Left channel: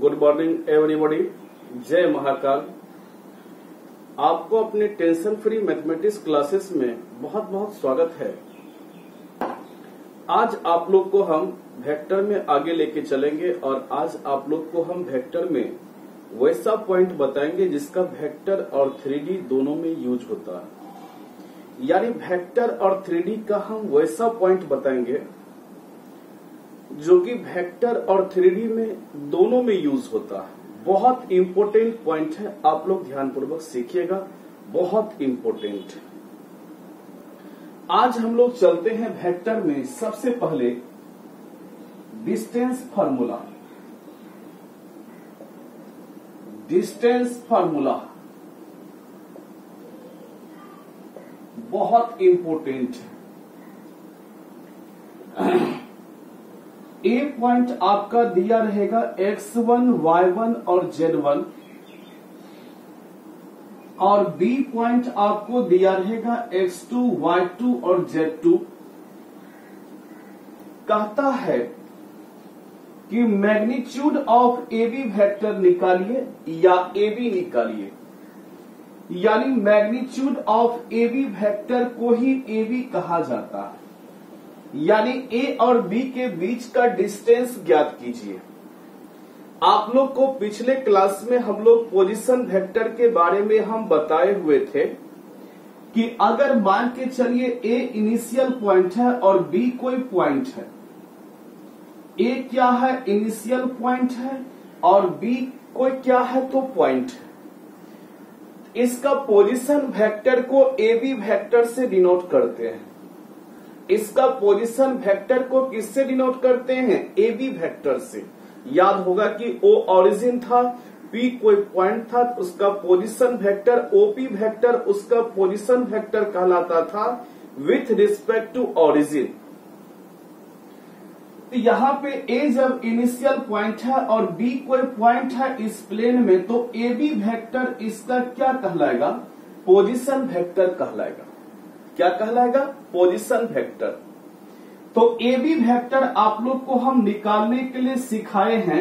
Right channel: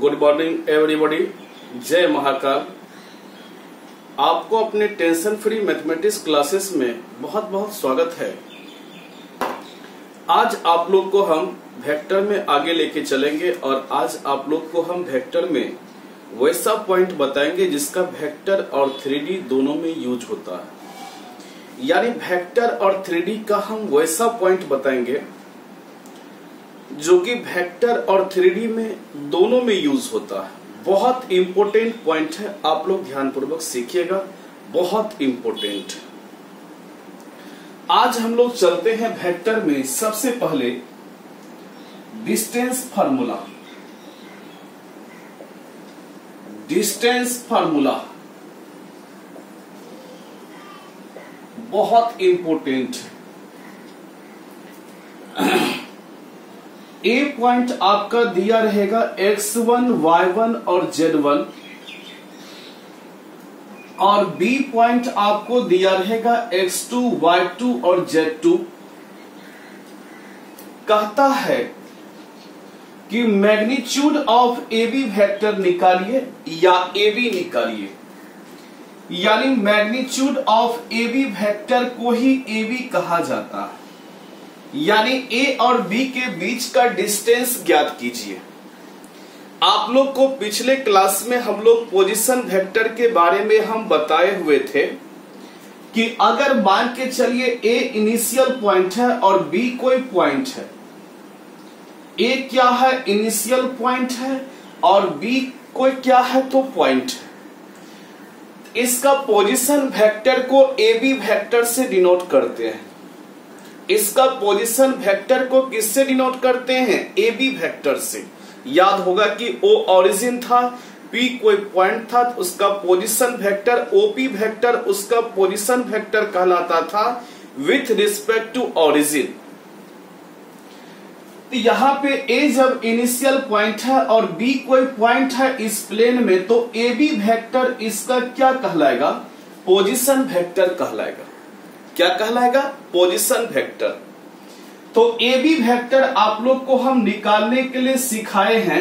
Good morning everybody. जय महाकाल। आपको अपने टेंशन फ्री मैथमेटिक्स क्लासेस में बहुत बहुत स्वागत है। आज आप लोग को हम वेक्टर में आगे लेके चलेंगे और आज आप लोग को हम वेक्टर में वैसा पॉइंट बताएंगे जिसका वेक्टर और 3D दोनों में यूज होता है। यानी वेक्टर और 3D का हम वैसा पॉइंट बताएंगे जो कि वेक्टर और 3D में दोनों में यूज होता है। बहुत इंपॉर्टेंट पॉइंट है, आप लोग ध्यानपूर्वक सीखिएगा, बहुत इंपॉर्टेंट। आज हम लोग चलते हैं वेक्टर में। सबसे पहले डिस्टेंस फार्मूला। डिस्टेंस फार्मूला बहुत इंपॉर्टेंट है। ए पॉइंट आपका दिया रहेगा x1, y1 और z1 और बी पॉइंट आपको दिया रहेगा x2, y2 और z2। कहता है कि magnitude of A B vector निकालिए या ए बी निकालिए। यानी magnitude of A B vector को ही ए बी कहा जाता है। यानी ए और बी के बीच का डिस्टेंस ज्ञात कीजिए। आप लोग को पिछले क्लास में हम लोग पोजीशन वेक्टर के बारे में हम बताए हुए थे कि अगर मान के चलिए ए इनिशियल पॉइंट है और बी कोई पॉइंट है। ए क्या है? इनिशियल पॉइंट है और बी कोई क्या है? तो पॉइंट है। इसका पोजीशन वेक्टर को ए बी वेक्टर से डिनोट करते हैं। इसका पोजीशन वेक्टर को किससे डिनोट करते हैं? ए बी वेक्टर से। याद होगा कि ओ ओरिजिन था, पी कोई पॉइंट था, तो उसका पोजीशन वेक्टर ओपी वेक्टर उसका पोजीशन वेक्टर कहलाता था विथ रिस्पेक्ट टू ओरिजिन। तो यहां पे ए जब इनिशियल पॉइंट है और बी कोई पॉइंट है इस प्लेन में, तो ए बी वेक्टर इसका क्या कहलाएगा? पोजीशन वेक्टर कहलाएगा। क्या कहलाएगा? Position vector. तो ए बी वेक्टर आप लोग को हम निकालने के लिए सिखाए हैं।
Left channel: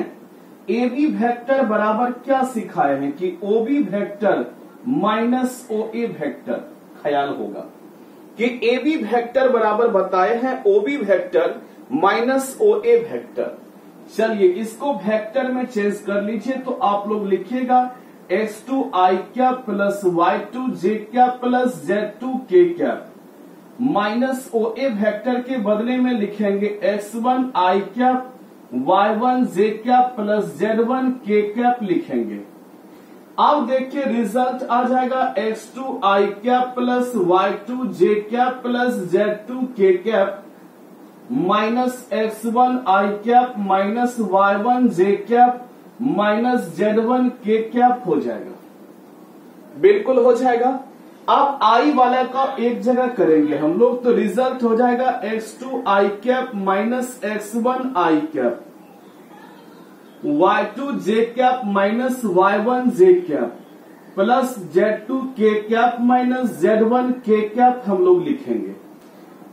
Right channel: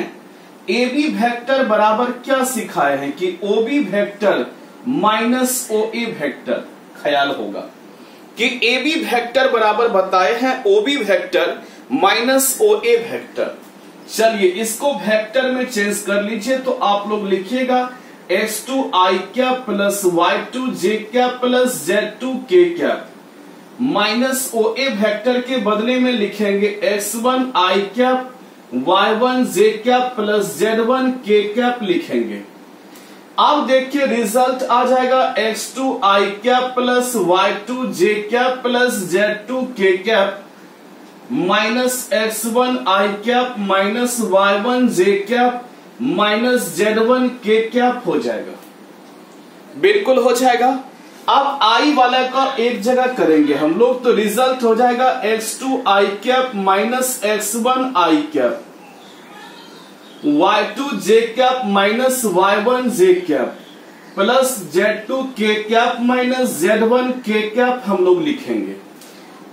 ए बी वेक्टर बराबर क्या सिखाए हैं कि O B vector minus O A vector. ख्याल होगा कि ए बी वेक्टर बराबर बताए हैं O B vector minus O A vector. चलिए इसको वेक्टर में चेंज कर लीजिए। तो आप लोग लिखिएगा x2 i cap plus y2 j cap plus z2 k cap minus O A vector के बदले में लिखेंगे x1 i cap y1 j cap plus z1 k cap लिखेंगे। अब देखिए रिजल्ट आ जाएगा x2 i cap plus y2 j cap plus z2 k cap minus x1 i cap minus y1 j cap minus z1 k cap हो जाएगा। बिल्कुल हो जाएगा। अब आई वाला का एक जगह करेंगे हम लोग, तो रिजल्ट हो जाएगा x2 i cap minus x1 i cap y2 j cap minus y1 j cap plus z2 k cap minus z1 k cap हम लोग लिखेंगे।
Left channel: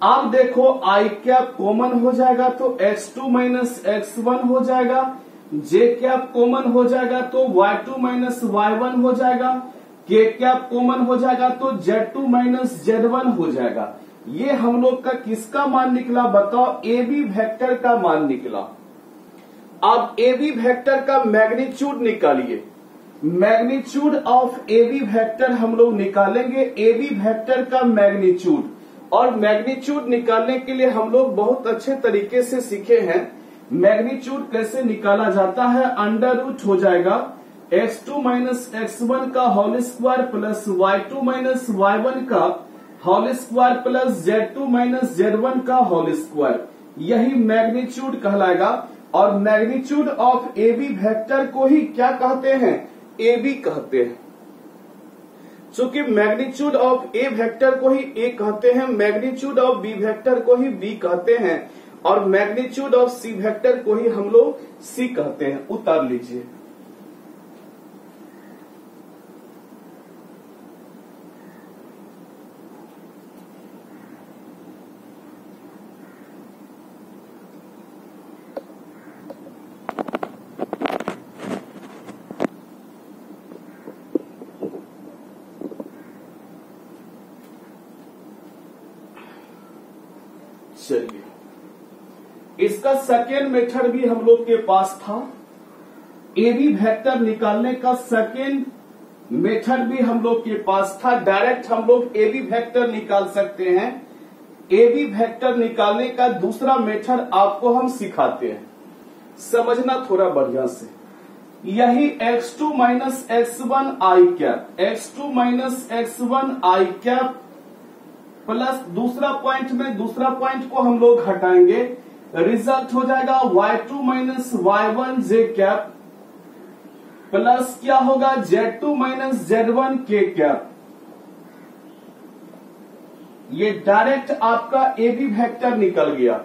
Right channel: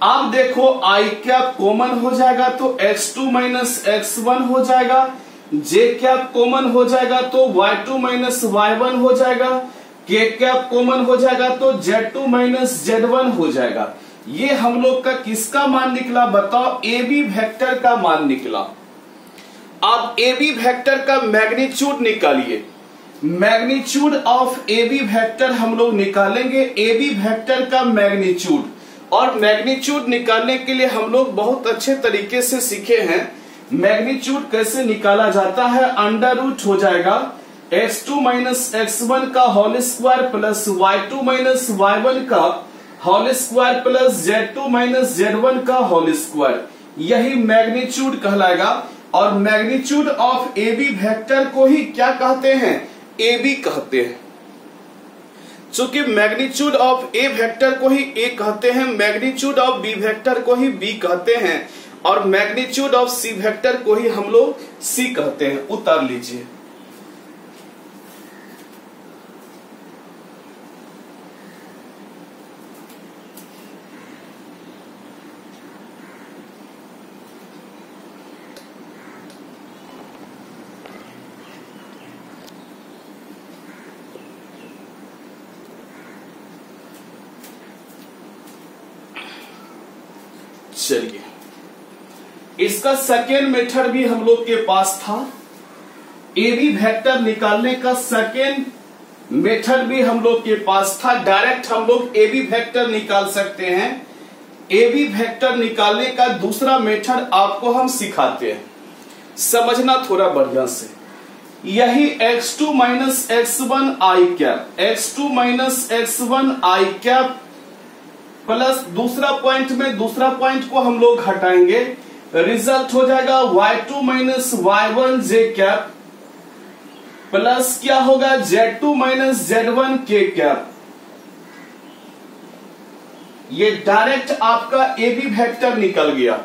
अब देखो i कैप कॉमन हो जाएगा तो x2 माइनस x1 हो जाएगा, j कैप कॉमन हो जाएगा तो y2 माइनस y1 हो जाएगा, k कैप कॉमन हो जाएगा तो z2 माइनस z1 हो जाएगा। ये हम लोग का किसका मान निकला? बताओ, ए बी वेक्टर का मान निकला। अब ए बी वेक्टर का मैग्नीट्यूड निकालिए। Magnitude of A B vector हम लोग निकालेंगे। ए बी वेक्टर का मैग्नीट्यूड, और मैग्नीट्यूड निकालने के लिए हम लोग बहुत अच्छे तरीके से सीखे हैं। मैग्नीट्यूड कैसे निकाला जाता है? अंडर रूट हो जाएगा x2 माइनस x1 का whole square plus y2 minus y1 का whole square plus z2 minus z1 का होल स्क्वायर। यही मैग्नीट्यूड कहलाएगा। और magnitude of A B vector को ही क्या कहते हैं? ए बी कहते हैं। चूंकि मैग्नीट्यूड ऑफ ए वेक्टर को ही ए कहते हैं, मैग्नीट्यूड ऑफ बी वेक्टर को ही बी कहते हैं और मैग्नीट्यूड ऑफ सी वेक्टर को ही हम लोग सी कहते हैं। उतार लीजिए। चलिए, इसका सेकेंड मेथड भी हम लोग के पास था। ए बी वेक्टर निकालने का सेकेंड मेथड भी हम लोग के पास था। डायरेक्ट हम लोग ए बी वेक्टर निकाल सकते हैं। ए बी वेक्टर निकालने का दूसरा मेथड आपको हम सिखाते हैं, समझना थोड़ा बढ़िया से। यही x2 minus x1 i cap, x2 minus x1 i cap plus दूसरा पॉइंट में दूसरा पॉइंट को हम लोग हटाएंगे, रिजल्ट हो जाएगा y2 minus y1 j cap plus क्या होगा z2 minus z1 k cap. ये डायरेक्ट आपका ए बी वेक्टर निकल गया।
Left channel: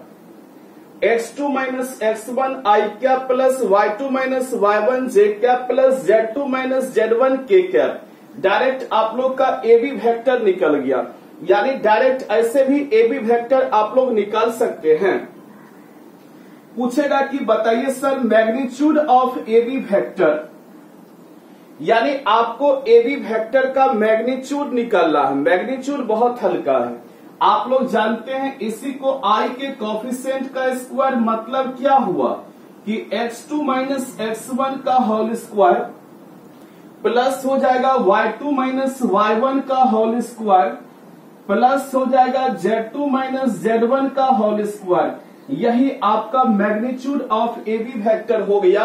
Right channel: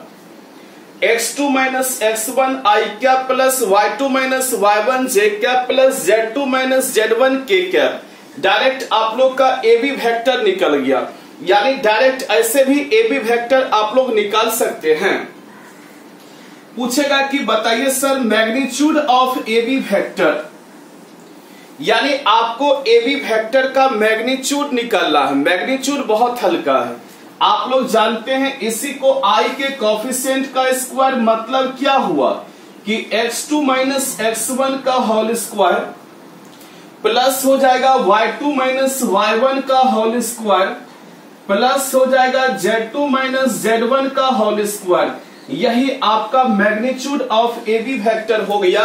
x2 minus x1 i cap plus y2 minus y1 j cap plus z2 minus z1 k cap. Direct आप लोग का ए B vector निकल गया। यानी डायरेक्ट ऐसे भी ए बी वेक्टर आप लोग निकाल सकते हैं। पूछेगा कि बताइए sir magnitude of A B vector, यानी आपको ए बी वेक्टर का मैग्नीट्यूड निकालना है। मैग्नीट्यूड बहुत हल्का है, आप लोग जानते हैं। इसी को आई के कोफिशिएंट का स्क्वायर मतलब क्या हुआ कि x2 माइनस x1 का होल स्क्वायर प्लस हो जाएगा y2 माइनस y1 का होल स्क्वायर प्लस हो जाएगा z2 माइनस z1 का होल स्क्वायर। यही आपका magnitude of A B vector हो गया।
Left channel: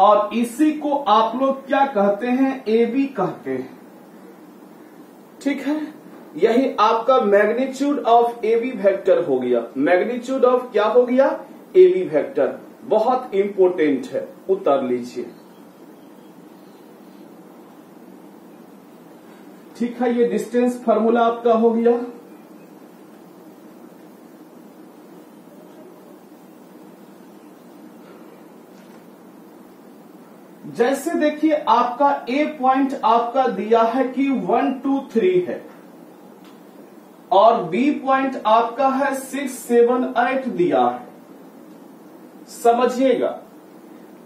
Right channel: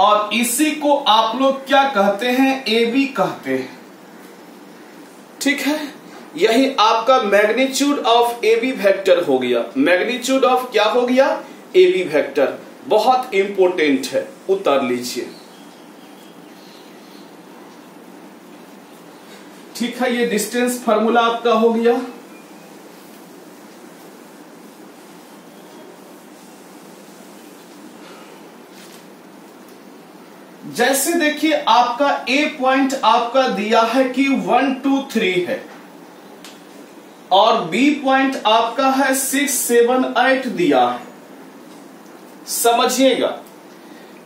और इसी को आप लोग क्या कहते हैं, ए बी कहते हैं। ठीक है, यही आपका magnitude of A B vector हो गया। मैग्नीट्यूड ऑफ क्या हो गया, ए बी वेक्टर। बहुत इंपॉर्टेंट है, उतार लीजिए। ठीक है, ये डिस्टेंस फार्मूला आपका हो गया। जैसे देखिए आपका ए पॉइंट आपका दिया है कि 1 2 3 है और बी पॉइंट आपका है 6 7 8 दिया है। समझिएगा,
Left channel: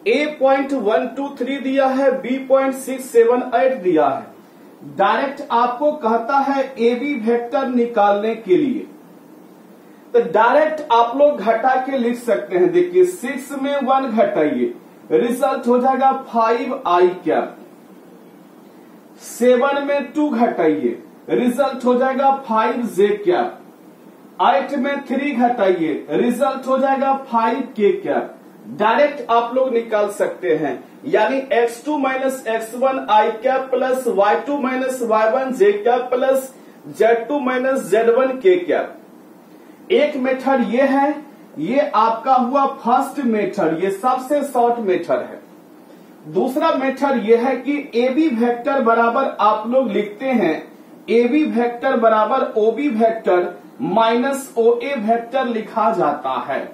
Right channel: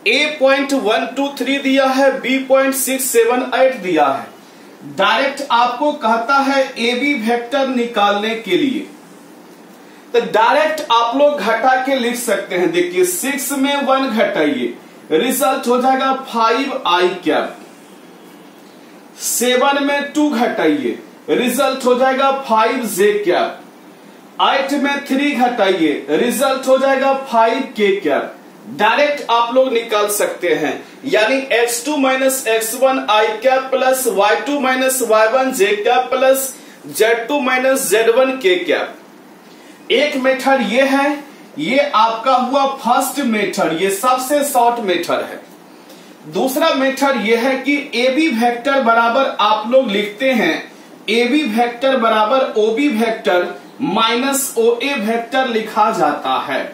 ए पॉइंट 1 2 3 दिया है, बी पॉइंट 6 7 8 दिया है। डायरेक्ट आपको कहता है ए बी वेक्टर निकालने के लिए, तो डायरेक्ट आप लोग घटा के लिख सकते हैं। देखिए 6 में 1 घटाइए, रिजल्ट हो जाएगा 5 आई कैप। 7 में 2 घटाइए, रिजल्ट हो जाएगा 5 जे कैप। 8 में 3 घटाइए, रिजल्ट हो जाएगा 5 के कैप। डायरेक्ट आप लोग निकाल सकते हैं। यानी x2 minus x1 i cap plus y2 minus y1 j cap plus z2 minus z1 k cap. एक मेथड ये है, ये आपका हुआ फर्स्ट मेथड, ये सबसे शॉर्ट मेथड है। दूसरा मेथड ये है कि ए बी वेक्टर बराबर आप लोग लिखते हैं ए बी वेक्टर बराबर O B vector minus O A vector लिखा जाता है।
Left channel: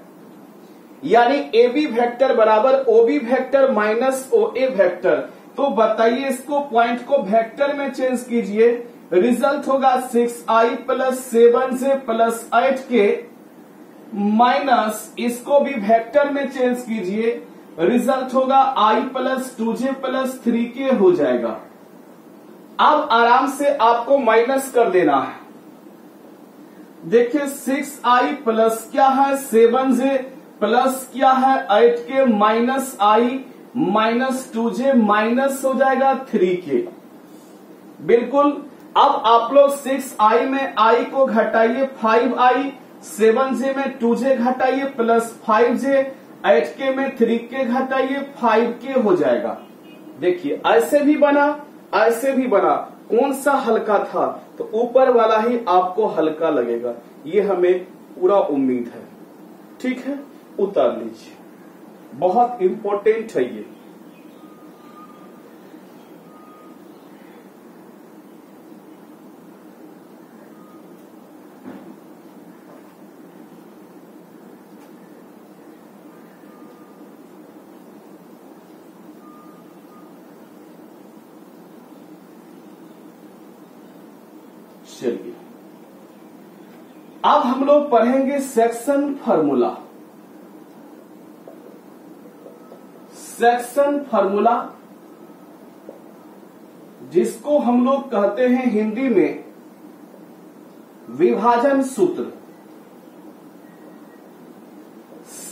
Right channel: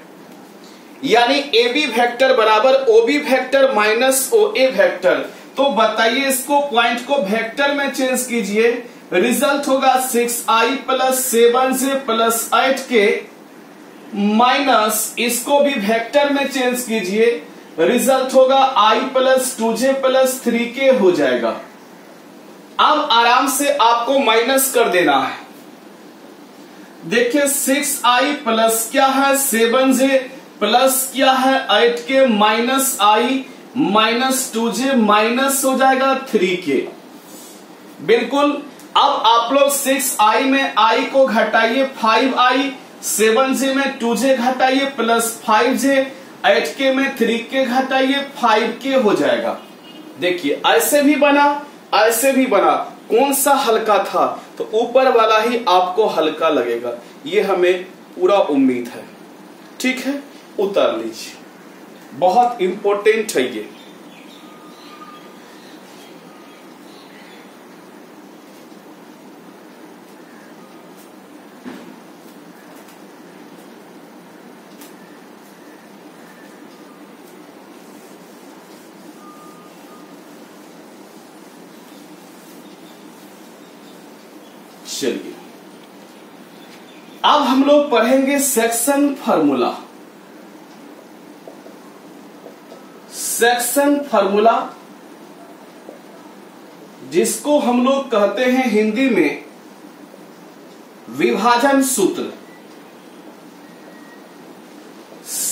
यानी ए बी वेक्टर बराबर O B vector minus O A vector. तो बताइए इसको पॉइंट को वेक्टर में चेंज कीजिए, रिजल्ट होगा 6i plus 7j plus 8k minus इसको भी वेक्टर में चेंज कीजिए, रिजल्ट होगा i plus 2j plus 3k हो जाएगा। अब आराम से आपको माइनस कर देना है। देखिए 6i प्लस क्या है 7j प्लस क्या है 8k minus i minus 2j minus हो जाएगा 3k। बिल्कुल। अब आप लोग 6i में i को घटाइए 5i, 7j में 2j घटाइए प्लस 5j, 8k में 3k घटाइए 5k हो जाएगा। देखिए ऐसे भी बना, ऐसे भी बना। कौन सा हल्का था, तो ऊपर वाला ही आपको हल्का लगेगा, ये हमें पूरा उम्मीद है। ठीक है, उतार लीजिए, बहुत इंपॉर्टेंट है ये। चलिए अब हम लोग पढ़ेंगे सेक्शन फार्मूला। सेक्शन फार्मूला जिसको हम लोग कहते हैं हिंदी में विभाजन सूत्र।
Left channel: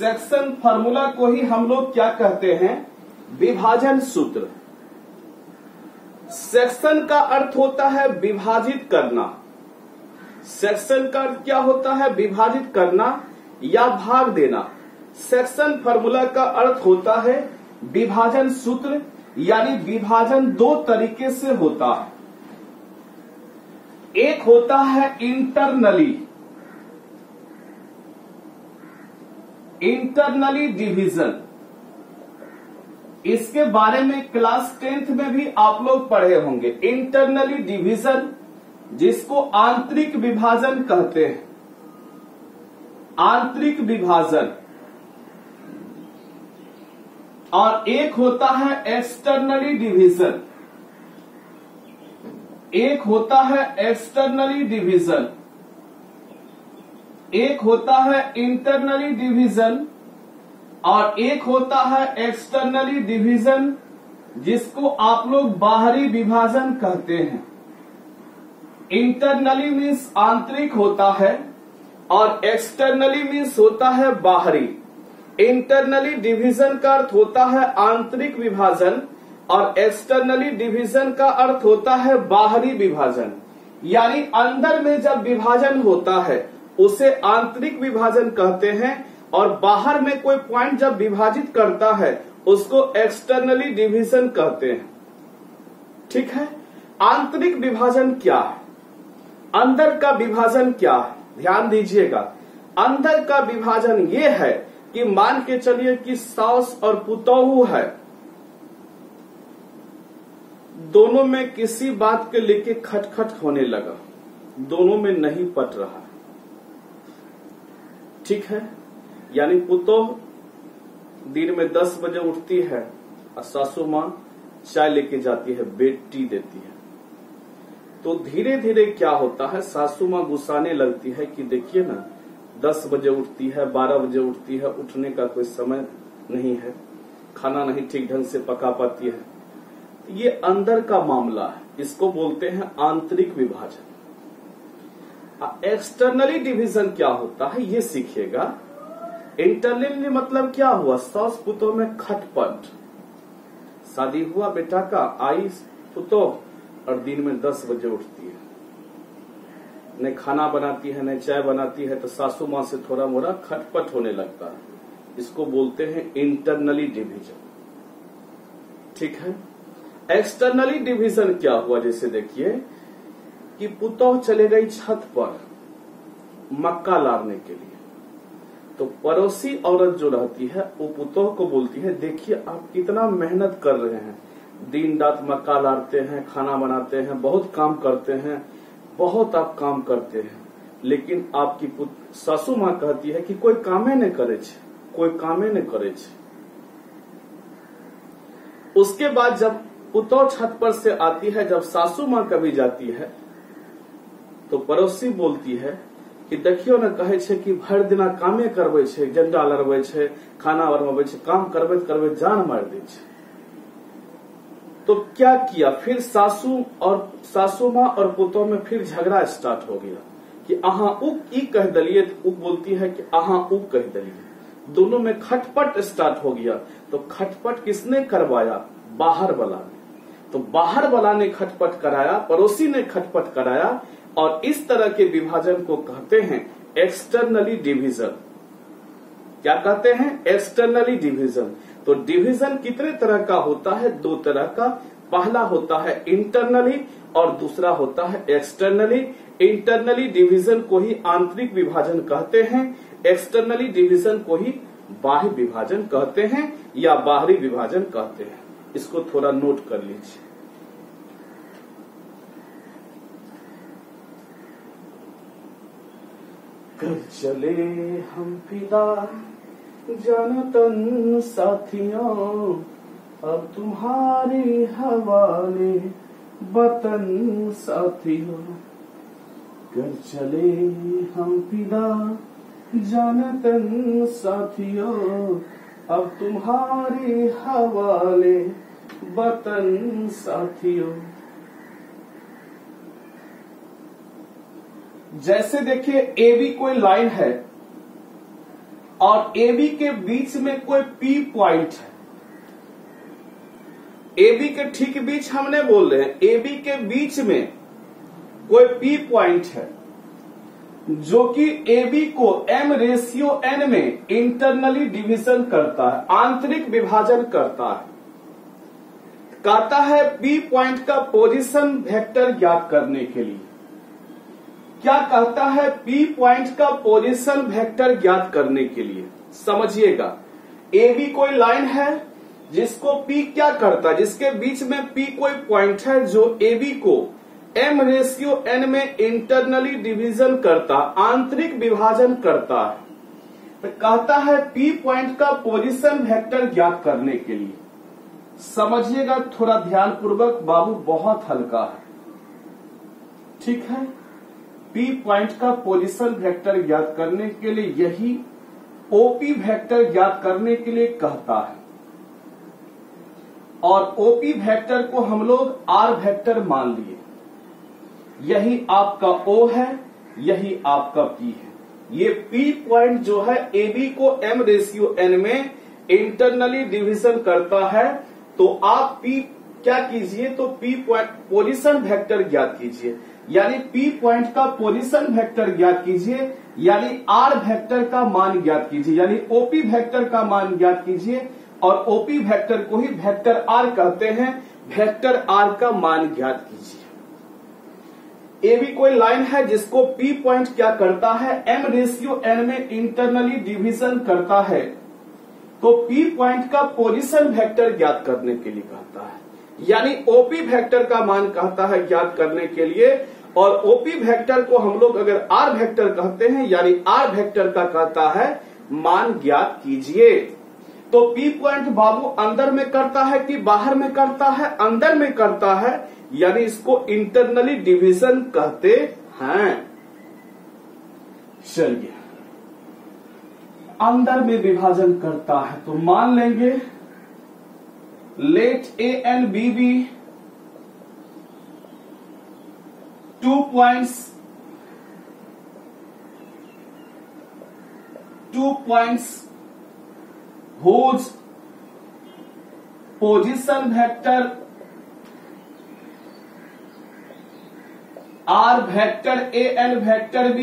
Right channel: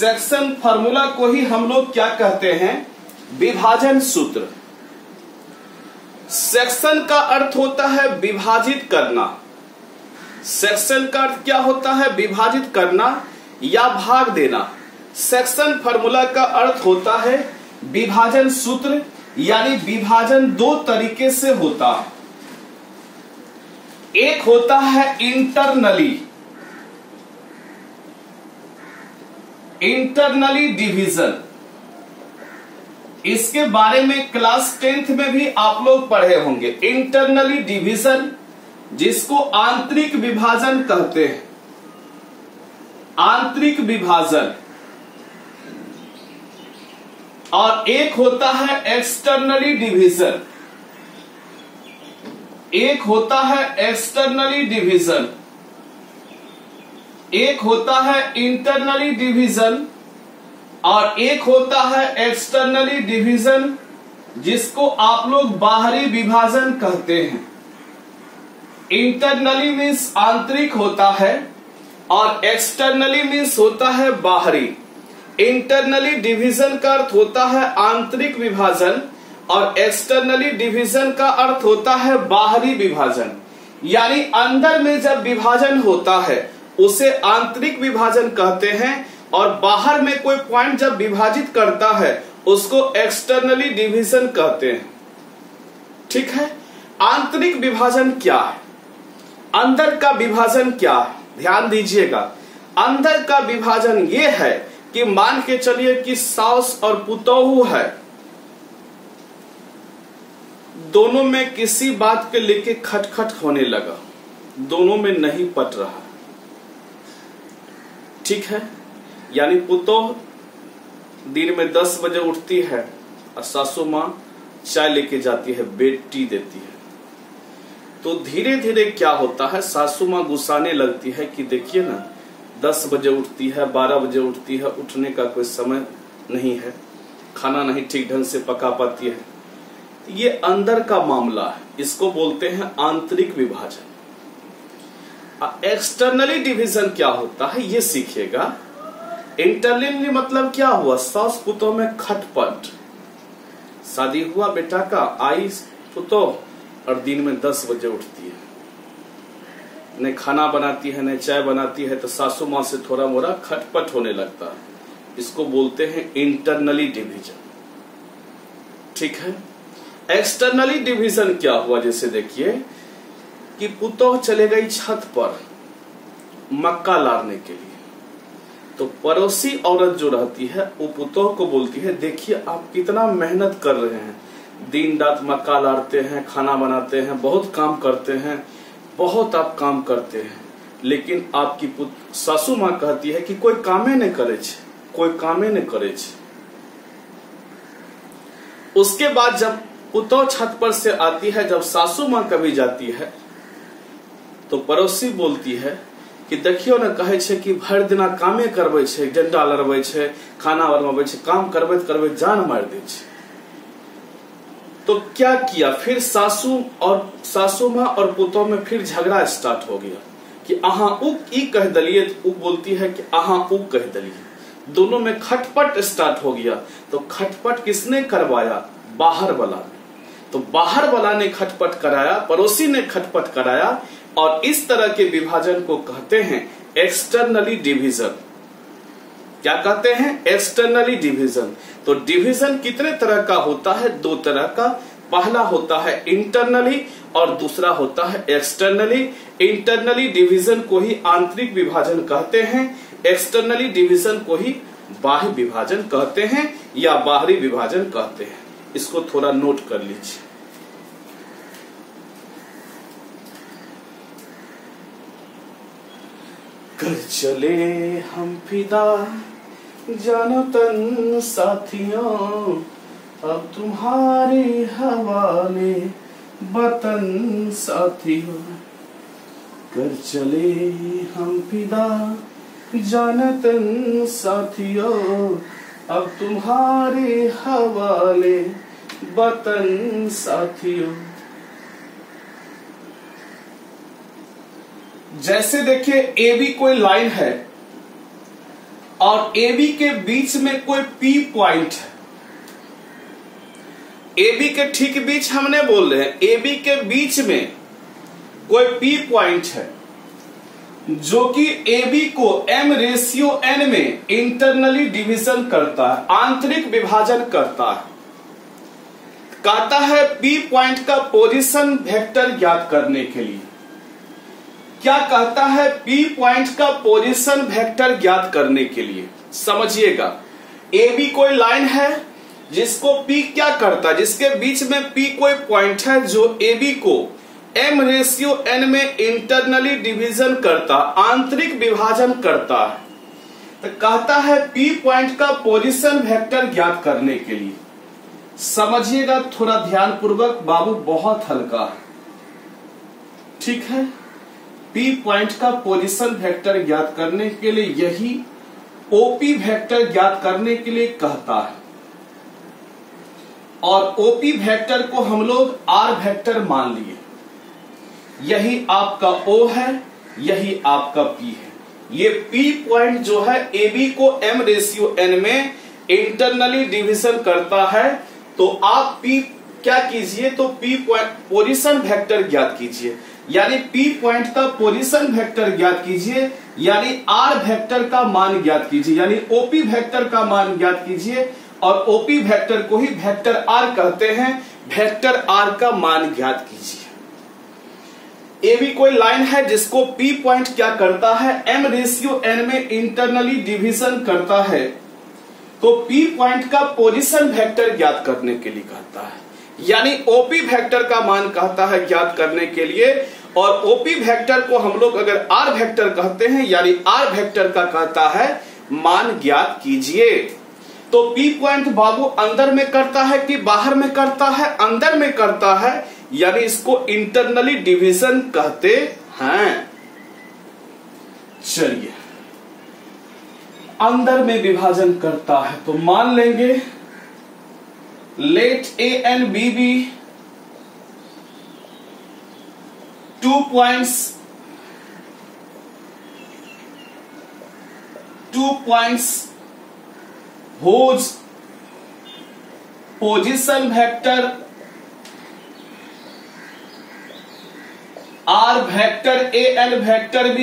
सेक्शन फार्मूला को ही हम लोग क्या कहते हैं, विभाजन सूत्र। सेक्शन का अर्थ होता है विभाजित करना। सेक्शन का अर्थ क्या होता है, विभाजित करना या भाग देना। सेक्शन फार्मूला का अर्थ होता है विभाजन सूत्र, यानी विभाजन दो तरीके से होता है। एक होता है इंटरनली डिवीजन। इसके बारे में क्लास 10th में भी आप लोग पढ़े होंगे। इंटरनली डिवीजन, जिसको आंतरिक विभाजन कहते हैं, आंतरिक विभाजन। और एक होता है एक्सटर्नली डिवीजन, एक होता है एक्सटर्नली डिवीजन, एक होता है इंटरनली डिवीजन और एक होता है एक्सटर्नली डिवीजन, जिसको आप लोग बाहरी विभाजन कहते हैं। इंटरनली मीन्स आंतरिक होता है और एक्सटर्नली मीन्स होता है बाहरी। इंटरनली डिवीजन का अर्थ होता है आंतरिक विभाजन और एक्सटर्नली डिवीजन का अर्थ होता है बाहरी विभाजन। यानी अंदर में जब विभाजन होता है उसे आंतरिक विभाजन कहते हैं और बाहर में कोई पॉइंट जब विभाजित करता है उसको एक्सटर्नली डिवीजन कहते हैं। ठीक है, आंतरिक विभाजन क्या है, अंदर का विभाजन क्या है, ध्यान दीजिएगा। अंदर का विभाजन ये है कि मान के चलिए कि सास और पुतोहू है, दोनों में किसी बात के लेके खटखट होने लगा, दोनों में नहीं पट रहा। ठीक है, यानी पुतोह दिन में 10 बजे उठती है और सासू मां चाय लेके जाती है, बेड टी देती है। तो धीरे धीरे क्या होता है, सासू मां गुस्साने लगती है कि देखिए ना 10 बजे उठती है, 12 बजे उठती है, उठने का कोई समय नहीं है, खाना नहीं ठीक ढंग से पका पाती है। ये अंदर का मामला है, इसको बोलते हैं आंतरिक विभाजन। एक्सटर्नली डिवीजन क्या होता है ये सीखिएगा। इंटरनली मतलब क्या हुआ, सास पुतोह में खटपट। शादी हुआ बेटा का, आई पुतोह और दिन में 10 बजे उठती है, न खाना बनाती है न चाय बनाती है, तो सासू मां से थोड़ा मोड़ा खटपट होने लगता है। इसको बोलते हैं इंटरनली डिवीजन। ठीक है, एक्सटर्नली डिवीजन क्या हुआ, जैसे देखिए कि पुतोह चले गई छत पर मक्का लारने के लिए, तो पड़ोसी औरत जो रहती है वो पुतोह को बोलती है देखिए आप कितना मेहनत कर रहे हैं, दिन रात मक्का लारते हैं, खाना बनाते हैं, बहुत काम करते हैं, बहुत आप काम करते हैं, लेकिन आपकी सासू मां कहती है कि कोई कामे नहीं करे छे, कोई कामे नहीं करे छे। उसके बाद जब पुतोह छत पर से आती है, जब सासू मां कभी जाती है तो पड़ोसी बोलती है कि देखियो ना, कहे छे कि भर दिना कामे करबे छे, डंडा लड़बे छे, खाना बनबे छे, काम करबे करबे जान मार दे छे। तो क्या किया फिर, सासू मां और पुतोह में फिर झगड़ा स्टार्ट हो गया कि अहां उ ई कह दलिए, तो उ बोलती है कि अहां उ कह दलिए। दोनों में खटपट स्टार्ट हो गया। तो खटपट किसने करवाया, बाहर वाला ने। तो बाहर वाला ने खटपट कराया, पड़ोसी ने खटपट कराया, और इस तरह के विभाजन को कहते हैं एक्सटर्नली डिवीजन। क्या कहते हैं, एक्सटर्नली डिवीजन। तो डिवीजन कितने तरह का होता है, 2 तरह का। पहला होता है इंटरनली और दूसरा होता है एक्सटर्नली। इंटरनली डिवीजन को ही आंतरिक विभाजन कहते हैं, एक्सटर्नली डिवीजन को ही बाह्य विभाजन कहते हैं या बाहरी विभाजन कहते हैं। इसको थोड़ा नोट कर लीजिए। कर चले हम फिदा जानो तन साथियों, अब तुम्हारे हवाले वतन साथियों। कर चले हम फिदा जानो तन साथियों, अब तुम्हारे हवाले वतन साथियों। जैसे देखिए ए बी कोई लाइन है और AB के बीच में कोई P पॉइंट है, AB के ठीक बीच हमने बोल रहे हैं, AB के बीच में कोई P पॉइंट है जो कि AB को m/n में इंटरनली डिवीजन करता है, आंतरिक विभाजन करता है। कहता है P पॉइंट का पोजीशन वेक्टर ज्ञात करने के लिए। क्या कहता है? P पॉइंट का पोजीशन वेक्टर ज्ञात करने के लिए समझिएगा, AB कोई लाइन है जिसको P क्या करता है, जिसके बीच में P कोई पॉइंट है जो AB को m/n में इंटरनली डिवीजन करता, आंतरिक विभाजन करता है। तो कहता है P पॉइंट का पोजीशन वेक्टर ज्ञात करने के लिए। समझिएगा थोड़ा ध्यान पूर्वक, बाबू बहुत हल्का है, ठीक है। P पॉइंट का पोजीशन वेक्टर ज्ञात करने के लिए यही OP वेक्टर ज्ञात करने के लिए कहता है, और OP वेक्टर को हम लोग R वेक्टर मान लिए। यही आपका O है, यही आपका P है। ये P पॉइंट जो है AB को m/n में इंटरनली डिवीजन करता है। तो आप P क्या कीजिए, तो P पॉइंट पोजीशन वेक्टर ज्ञात कीजिए, यानी P पॉइंट का पोजीशन वेक्टर ज्ञात कीजिए, यानी R वेक्टर का मान ज्ञात कीजिए, यानी OP वेक्टर का मान ज्ञात कीजिए, और OP वेक्टर को ही वेक्टर R कहते हैं। वेक्टर R का मान ज्ञात कीजिए। AB कोई लाइन है जिसको P पॉइंट क्या करता है, m/n में इंटरनली डिवीजन करता है। तो P पॉइंट का पोजीशन वेक्टर ज्ञात करने के लिए कहता है, यानी OP वेक्टर का मान कहता है ज्ञात करने के लिए। और OP वेक्टर को हम लोग अगर R वेक्टर कहते हैं, यानी R वेक्टर का कहता है मान ज्ञात कीजिए। तो P पॉइंट बाबू अंदर में करता है कि बाहर में करता है? अंदर में करता है, यानी इसको इंटरनली डिवीजन कहते हैं। चलिए, अंदर में विभाजन करता है तो मान लेंगे late A and B be 2 points whose position vector R vector A and vector B,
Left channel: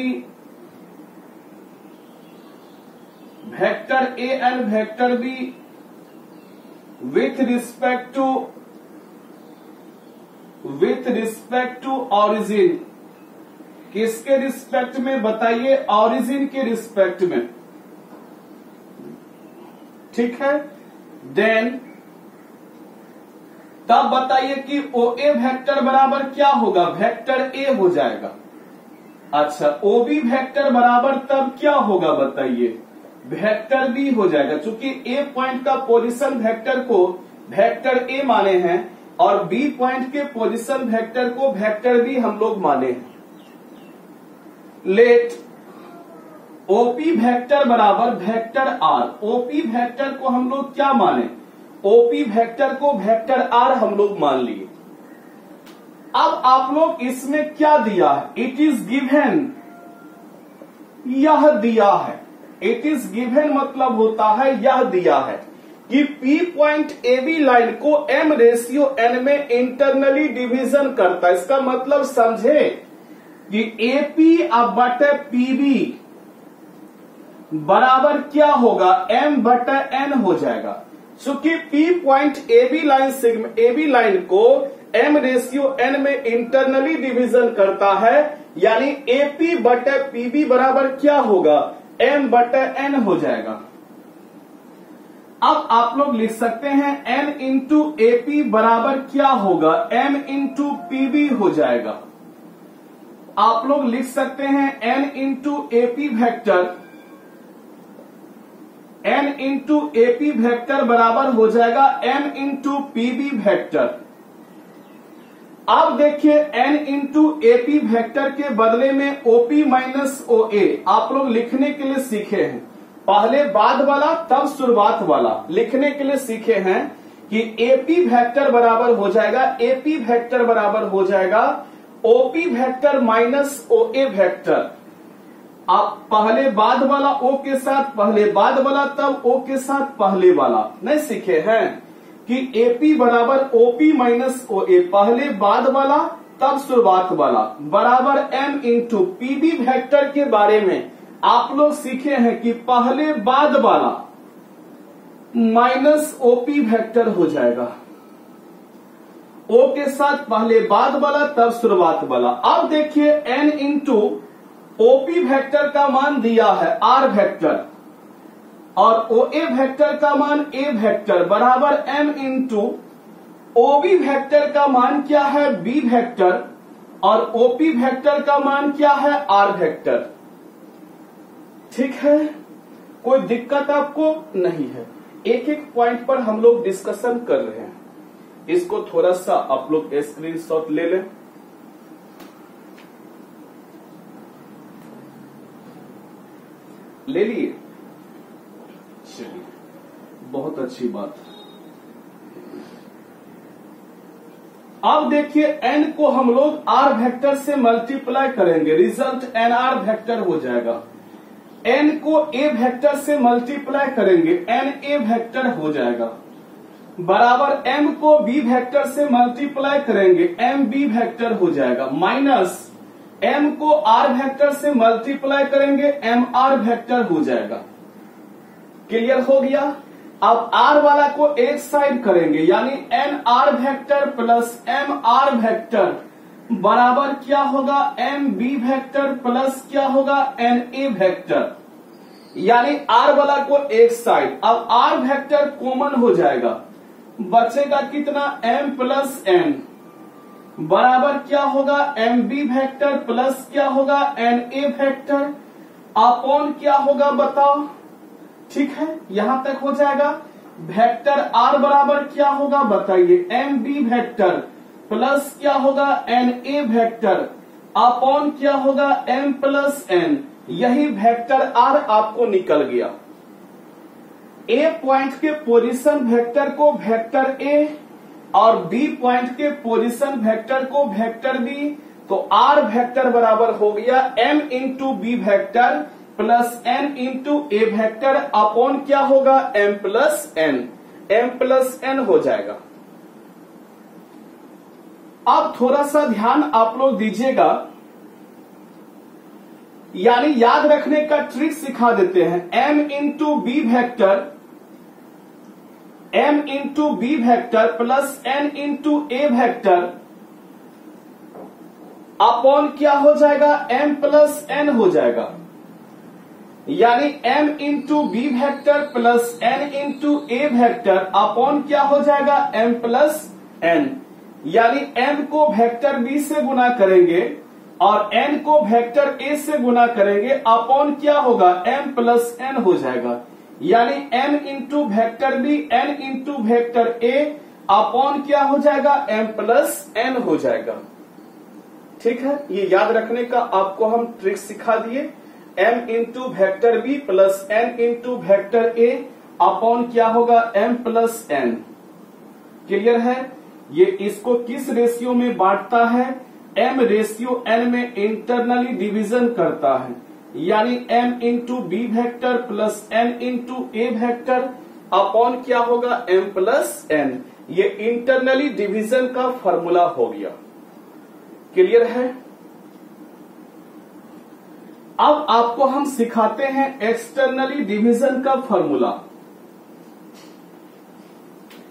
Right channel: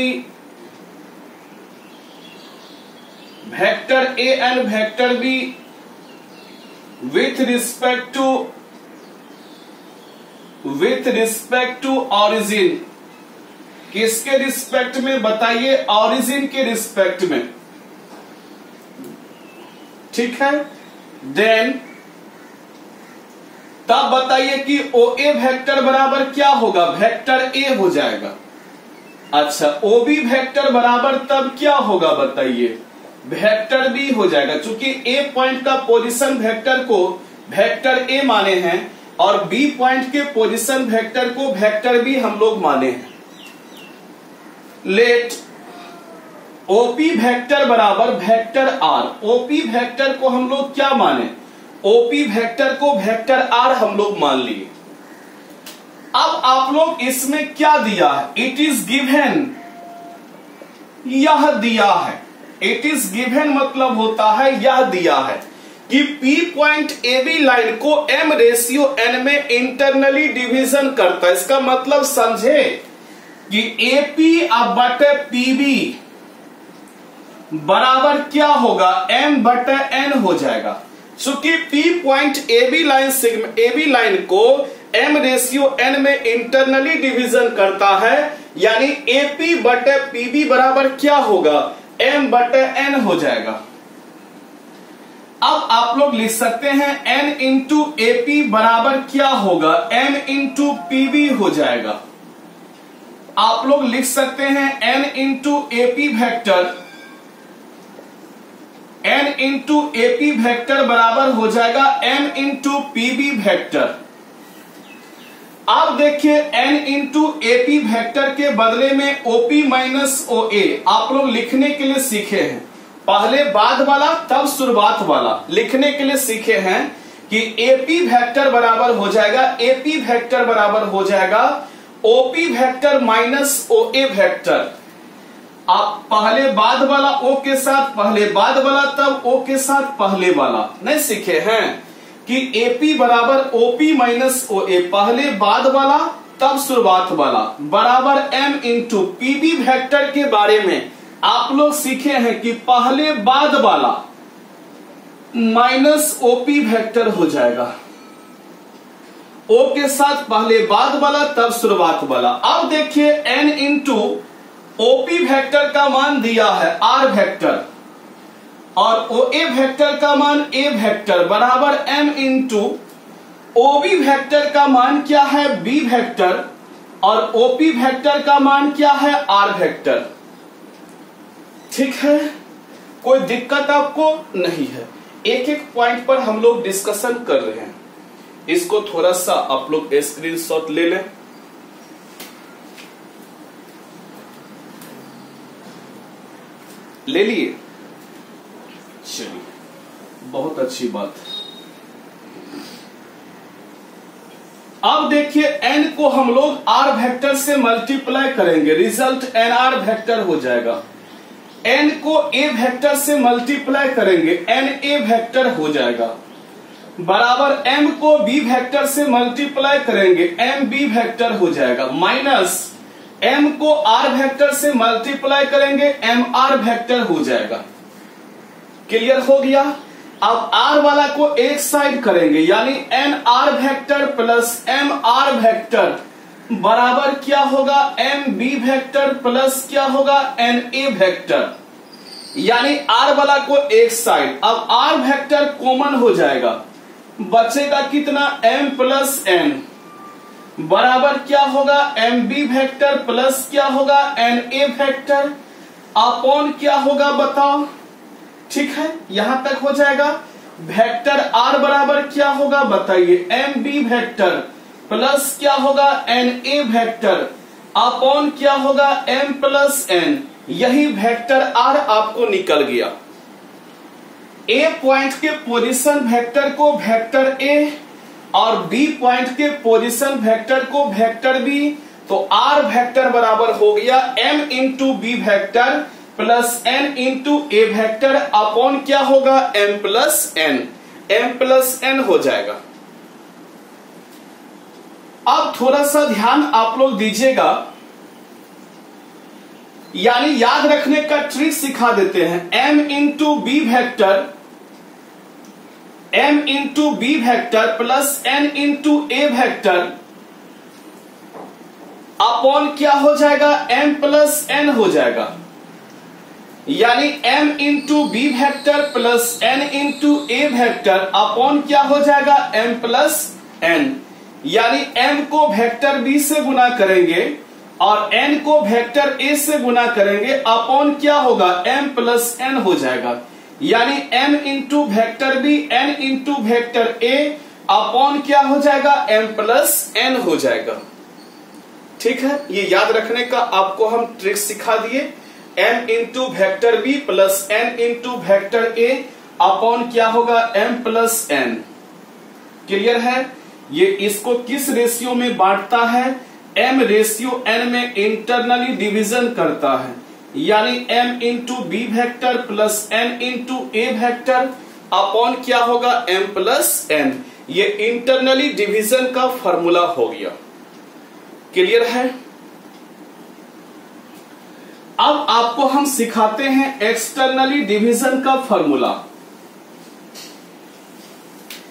vector A and vector B with respect to origin। किसके रिस्पेक्ट में बताइए? ऑरिजिन के रिस्पेक्ट में, ठीक है। देन तब बताइए कि OA वेक्टर बराबर क्या होगा? वेक्टर A हो जाएगा। अच्छा, OB वेक्टर बराबर तब क्या होगा बताइए? वेक्टर B हो जाएगा। चूंकि A पॉइंट का पोजीशन वेक्टर को वेक्टर A माने हैं और B पॉइंट के पोजीशन वेक्टर को वेक्टर B हम लोग माने हैं। लेट OP वेक्टर बराबर वेक्टर R। OP वेक्टर को हम लोग क्या माने? OP वेक्टर को वेक्टर R हम लोग मान लिए। अब आप लोग इसमें क्या दिया है? इट इज गिवन, यह दिया है। इट इज गिवन मतलब होता है यह दिया है कि P पॉइंट AB लाइन को m/n में इंटरनली डिवीजन करता है। इसका मतलब समझे कि AP बटे PB बराबर क्या होगा? m/n हो जाएगा। चूंकि P पॉइंट AB लाइन को m/n में इंटरनली डिवीजन करता है, यानी AP बटे PB बराबर क्या होगा? m/n हो जाएगा। अब आप लोग लिख सकते हैं n इंटू AP बराबर क्या होगा? m इंटू PB हो जाएगा। आप लोग लिख सकते हैं n into AP vector, n into AP vector बराबर हो जाएगा m इंटू PB वेक्टर। अब देखिए n इंटू AP वेक्टर के बदले में OP माइनस OA आप लोग लिखने के लिए सीखे हैं। पहले बाद वाला तब शुरुआत वाला लिखने के लिए सीखे हैं कि AP वेक्टर बराबर हो जाएगा, AP वेक्टर बराबर हो जाएगा OP vector minus OA vector. आप पहले बाद वाला ओ के साथ पहले बाद वाला, तब ओ के साथ पहले वाला नहीं सीखे हैं कि एपी बराबर ओपी माइनस ओ ए, पहले बाद वाला तब शुरुआत वाला बराबर एम इंटू पीबी वेक्टर के बारे में आप लोग सीखे हैं कि पहले बाद वाला माइनस ओपी वेक्टर हो जाएगा, ओ के साथ पहले बाद वाला तब शुरुआत वाला। अब देखिए एन इंटू ओपी वेक्टर का मान दिया है आर वेक्टर और ओ ए वेक्टर का मान ए वेक्टर बराबर एम इंटू ओबी वेक्टर का मान क्या है बी वेक्टर और ओपी वेक्टर का मान क्या है आर वेक्टर। ठीक है, कोई दिक्कत आपको नहीं है। एक एक पॉइंट पर हम लोग डिस्कशन कर रहे हैं, इसको थोड़ा सा आप लोग स्क्रीनशॉट ले लें। ले लिए, चलिए बहुत अच्छी बात। अब देखिए n को हम लोग r वेक्टर से मल्टीप्लाई करेंगे, रिजल्ट एन आर वेक्टर हो जाएगा। n को a वेक्टर से मल्टीप्लाई करेंगे, एन ए वेक्टर हो जाएगा बराबर m को b वेक्टर से मल्टीप्लाई करेंगे, एम बी वेक्टर हो जाएगा माइनस m को r वेक्टर से मल्टीप्लाई करेंगे, एम आर वेक्टर हो जाएगा। क्लियर हो गया। अब r वाला को एक साइड करेंगे यानी N R vector plus M R vector बराबर क्या होगा एम बी वेक्टर प्लस क्या होगा एन ए वेक्टर, यानी r वाला को एक साइड। अब r वेक्टर कॉमन हो जाएगा, बचेगा कितना m प्लस n बराबर क्या होगा एम बी वेक्टर प्लस क्या होगा एन ए वेक्टर अपॉन क्या होगा बताओ। ठीक है, यहां तक हो जाएगा। वेक्टर r बराबर क्या होगा बताइए एम बी वेक्टर प्लस क्या होगा एन ए वेक्टर अपॉन क्या होगा m प्लस n, यही वेक्टर r आपको निकल गया। a पॉइंट के पोजीशन वेक्टर को वेक्टर a और b पॉइंट के पोजीशन वेक्टर को वेक्टर b, तो r वेक्टर बराबर हो गया m into B vector plus n into a vector upon क्या होगा m प्लस n हो जाएगा। अब थोड़ा सा ध्यान आप लोग दीजिएगा, यानी याद रखने का ट्रिक सिखा देते हैं। m into B vector plus n into a vector upon क्या हो जाएगा m प्लस n हो जाएगा, यानी m into B vector plus n into a vector upon क्या हो जाएगा m प्लस n, यानी m को वेक्टर b से गुना करेंगे और n को वेक्टर a से गुना करेंगे अपॉन क्या होगा m प्लस n हो जाएगा, यानी m into vector b n into vector a upon क्या हो जाएगा m प्लस n हो जाएगा। ठीक है, ये याद रखने का आपको हम ट्रिक सिखा दिए। m into vector b plus n into vector a upon क्या होगा m प्लस n। क्लियर है। ये इसको किस रेशियो में बांटता है, m रेशियो n में इंटरनली डिवीजन करता है, यानी m into B vector plus n into a vector upon क्या होगा m प्लस n। ये इंटरनली डिवीजन का फॉर्मूला हो गया। क्लियर है। अब आपको हम सिखाते हैं एक्सटर्नली डिवीजन का फॉर्मूला।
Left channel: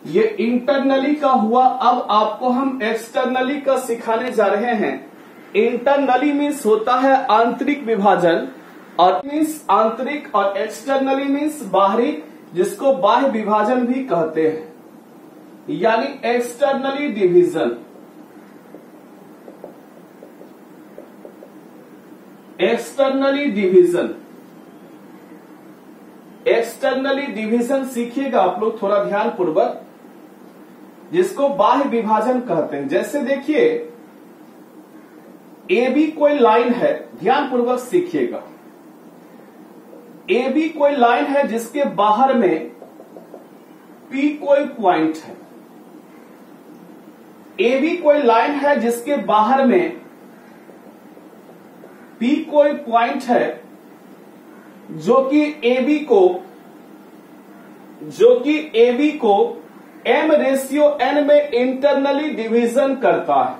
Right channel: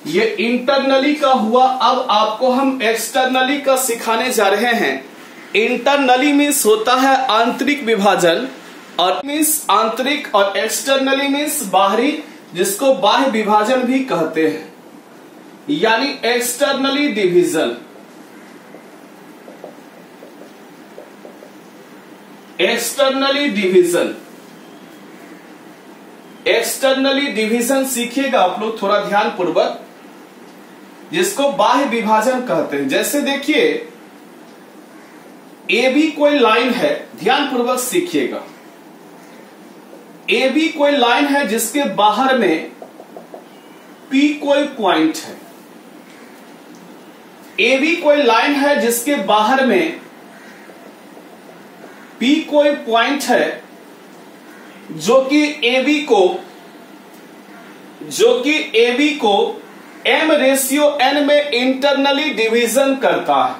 ये इंटरनली का हुआ, अब आपको हम एक्सटर्नली का सिखाने जा रहे हैं। इंटरनली मीन्स होता है आंतरिक विभाजन और मीन्स आंतरिक और एक्सटर्नली मीन्स बाहरी, जिसको बाह्य विभाजन भी कहते हैं, यानी एक्सटर्नली डिवीजन। एक्सटर्नली डिवीजन सीखिएगा आप लोग थोड़ा ध्यान पूर्वक, जिसको बाह्य विभाजन कहते हैं। जैसे देखिए ए बी कोई लाइन है, ध्यान पूर्वक सीखिएगा। ए बी कोई लाइन है जिसके बाहर में पी कोई पॉइंट है। ए बी कोई लाइन है जिसके बाहर में P कोई पॉइंट है जो कि ए बी को m रेशियो n में इंटरनली डिवीजन करता है।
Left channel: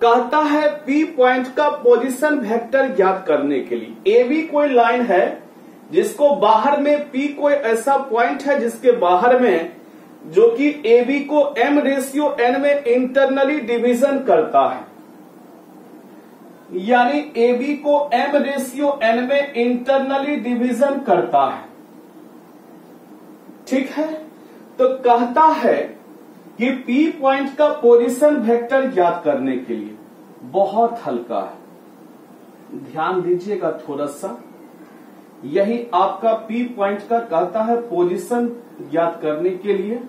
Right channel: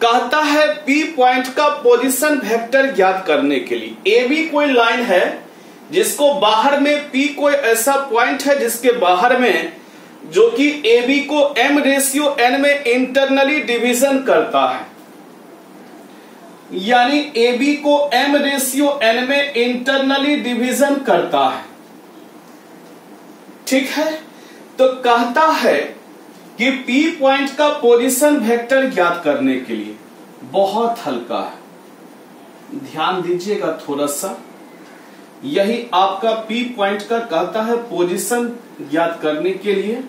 कहता है P पॉइंट का पोजीशन वेक्टर ज्ञात करने के लिए। ए बी कोई लाइन है जिसको बाहर में P कोई ऐसा पॉइंट है जिसके बाहर में जो कि ए बी को m रेशियो n में इंटरनली डिवीजन करता है, यानी ए बी को m रेशियो n में इंटरनली डिवीजन करता है। ठीक है, तो कहता है कि P पॉइंट का पोजीशन वेक्टर ज्ञात करने के लिए। बहुत हल्का है, ध्यान दीजिएगा थोड़ा सा। यही आपका P पॉइंट का कहता है पोजीशन ज्ञात करने के लिए।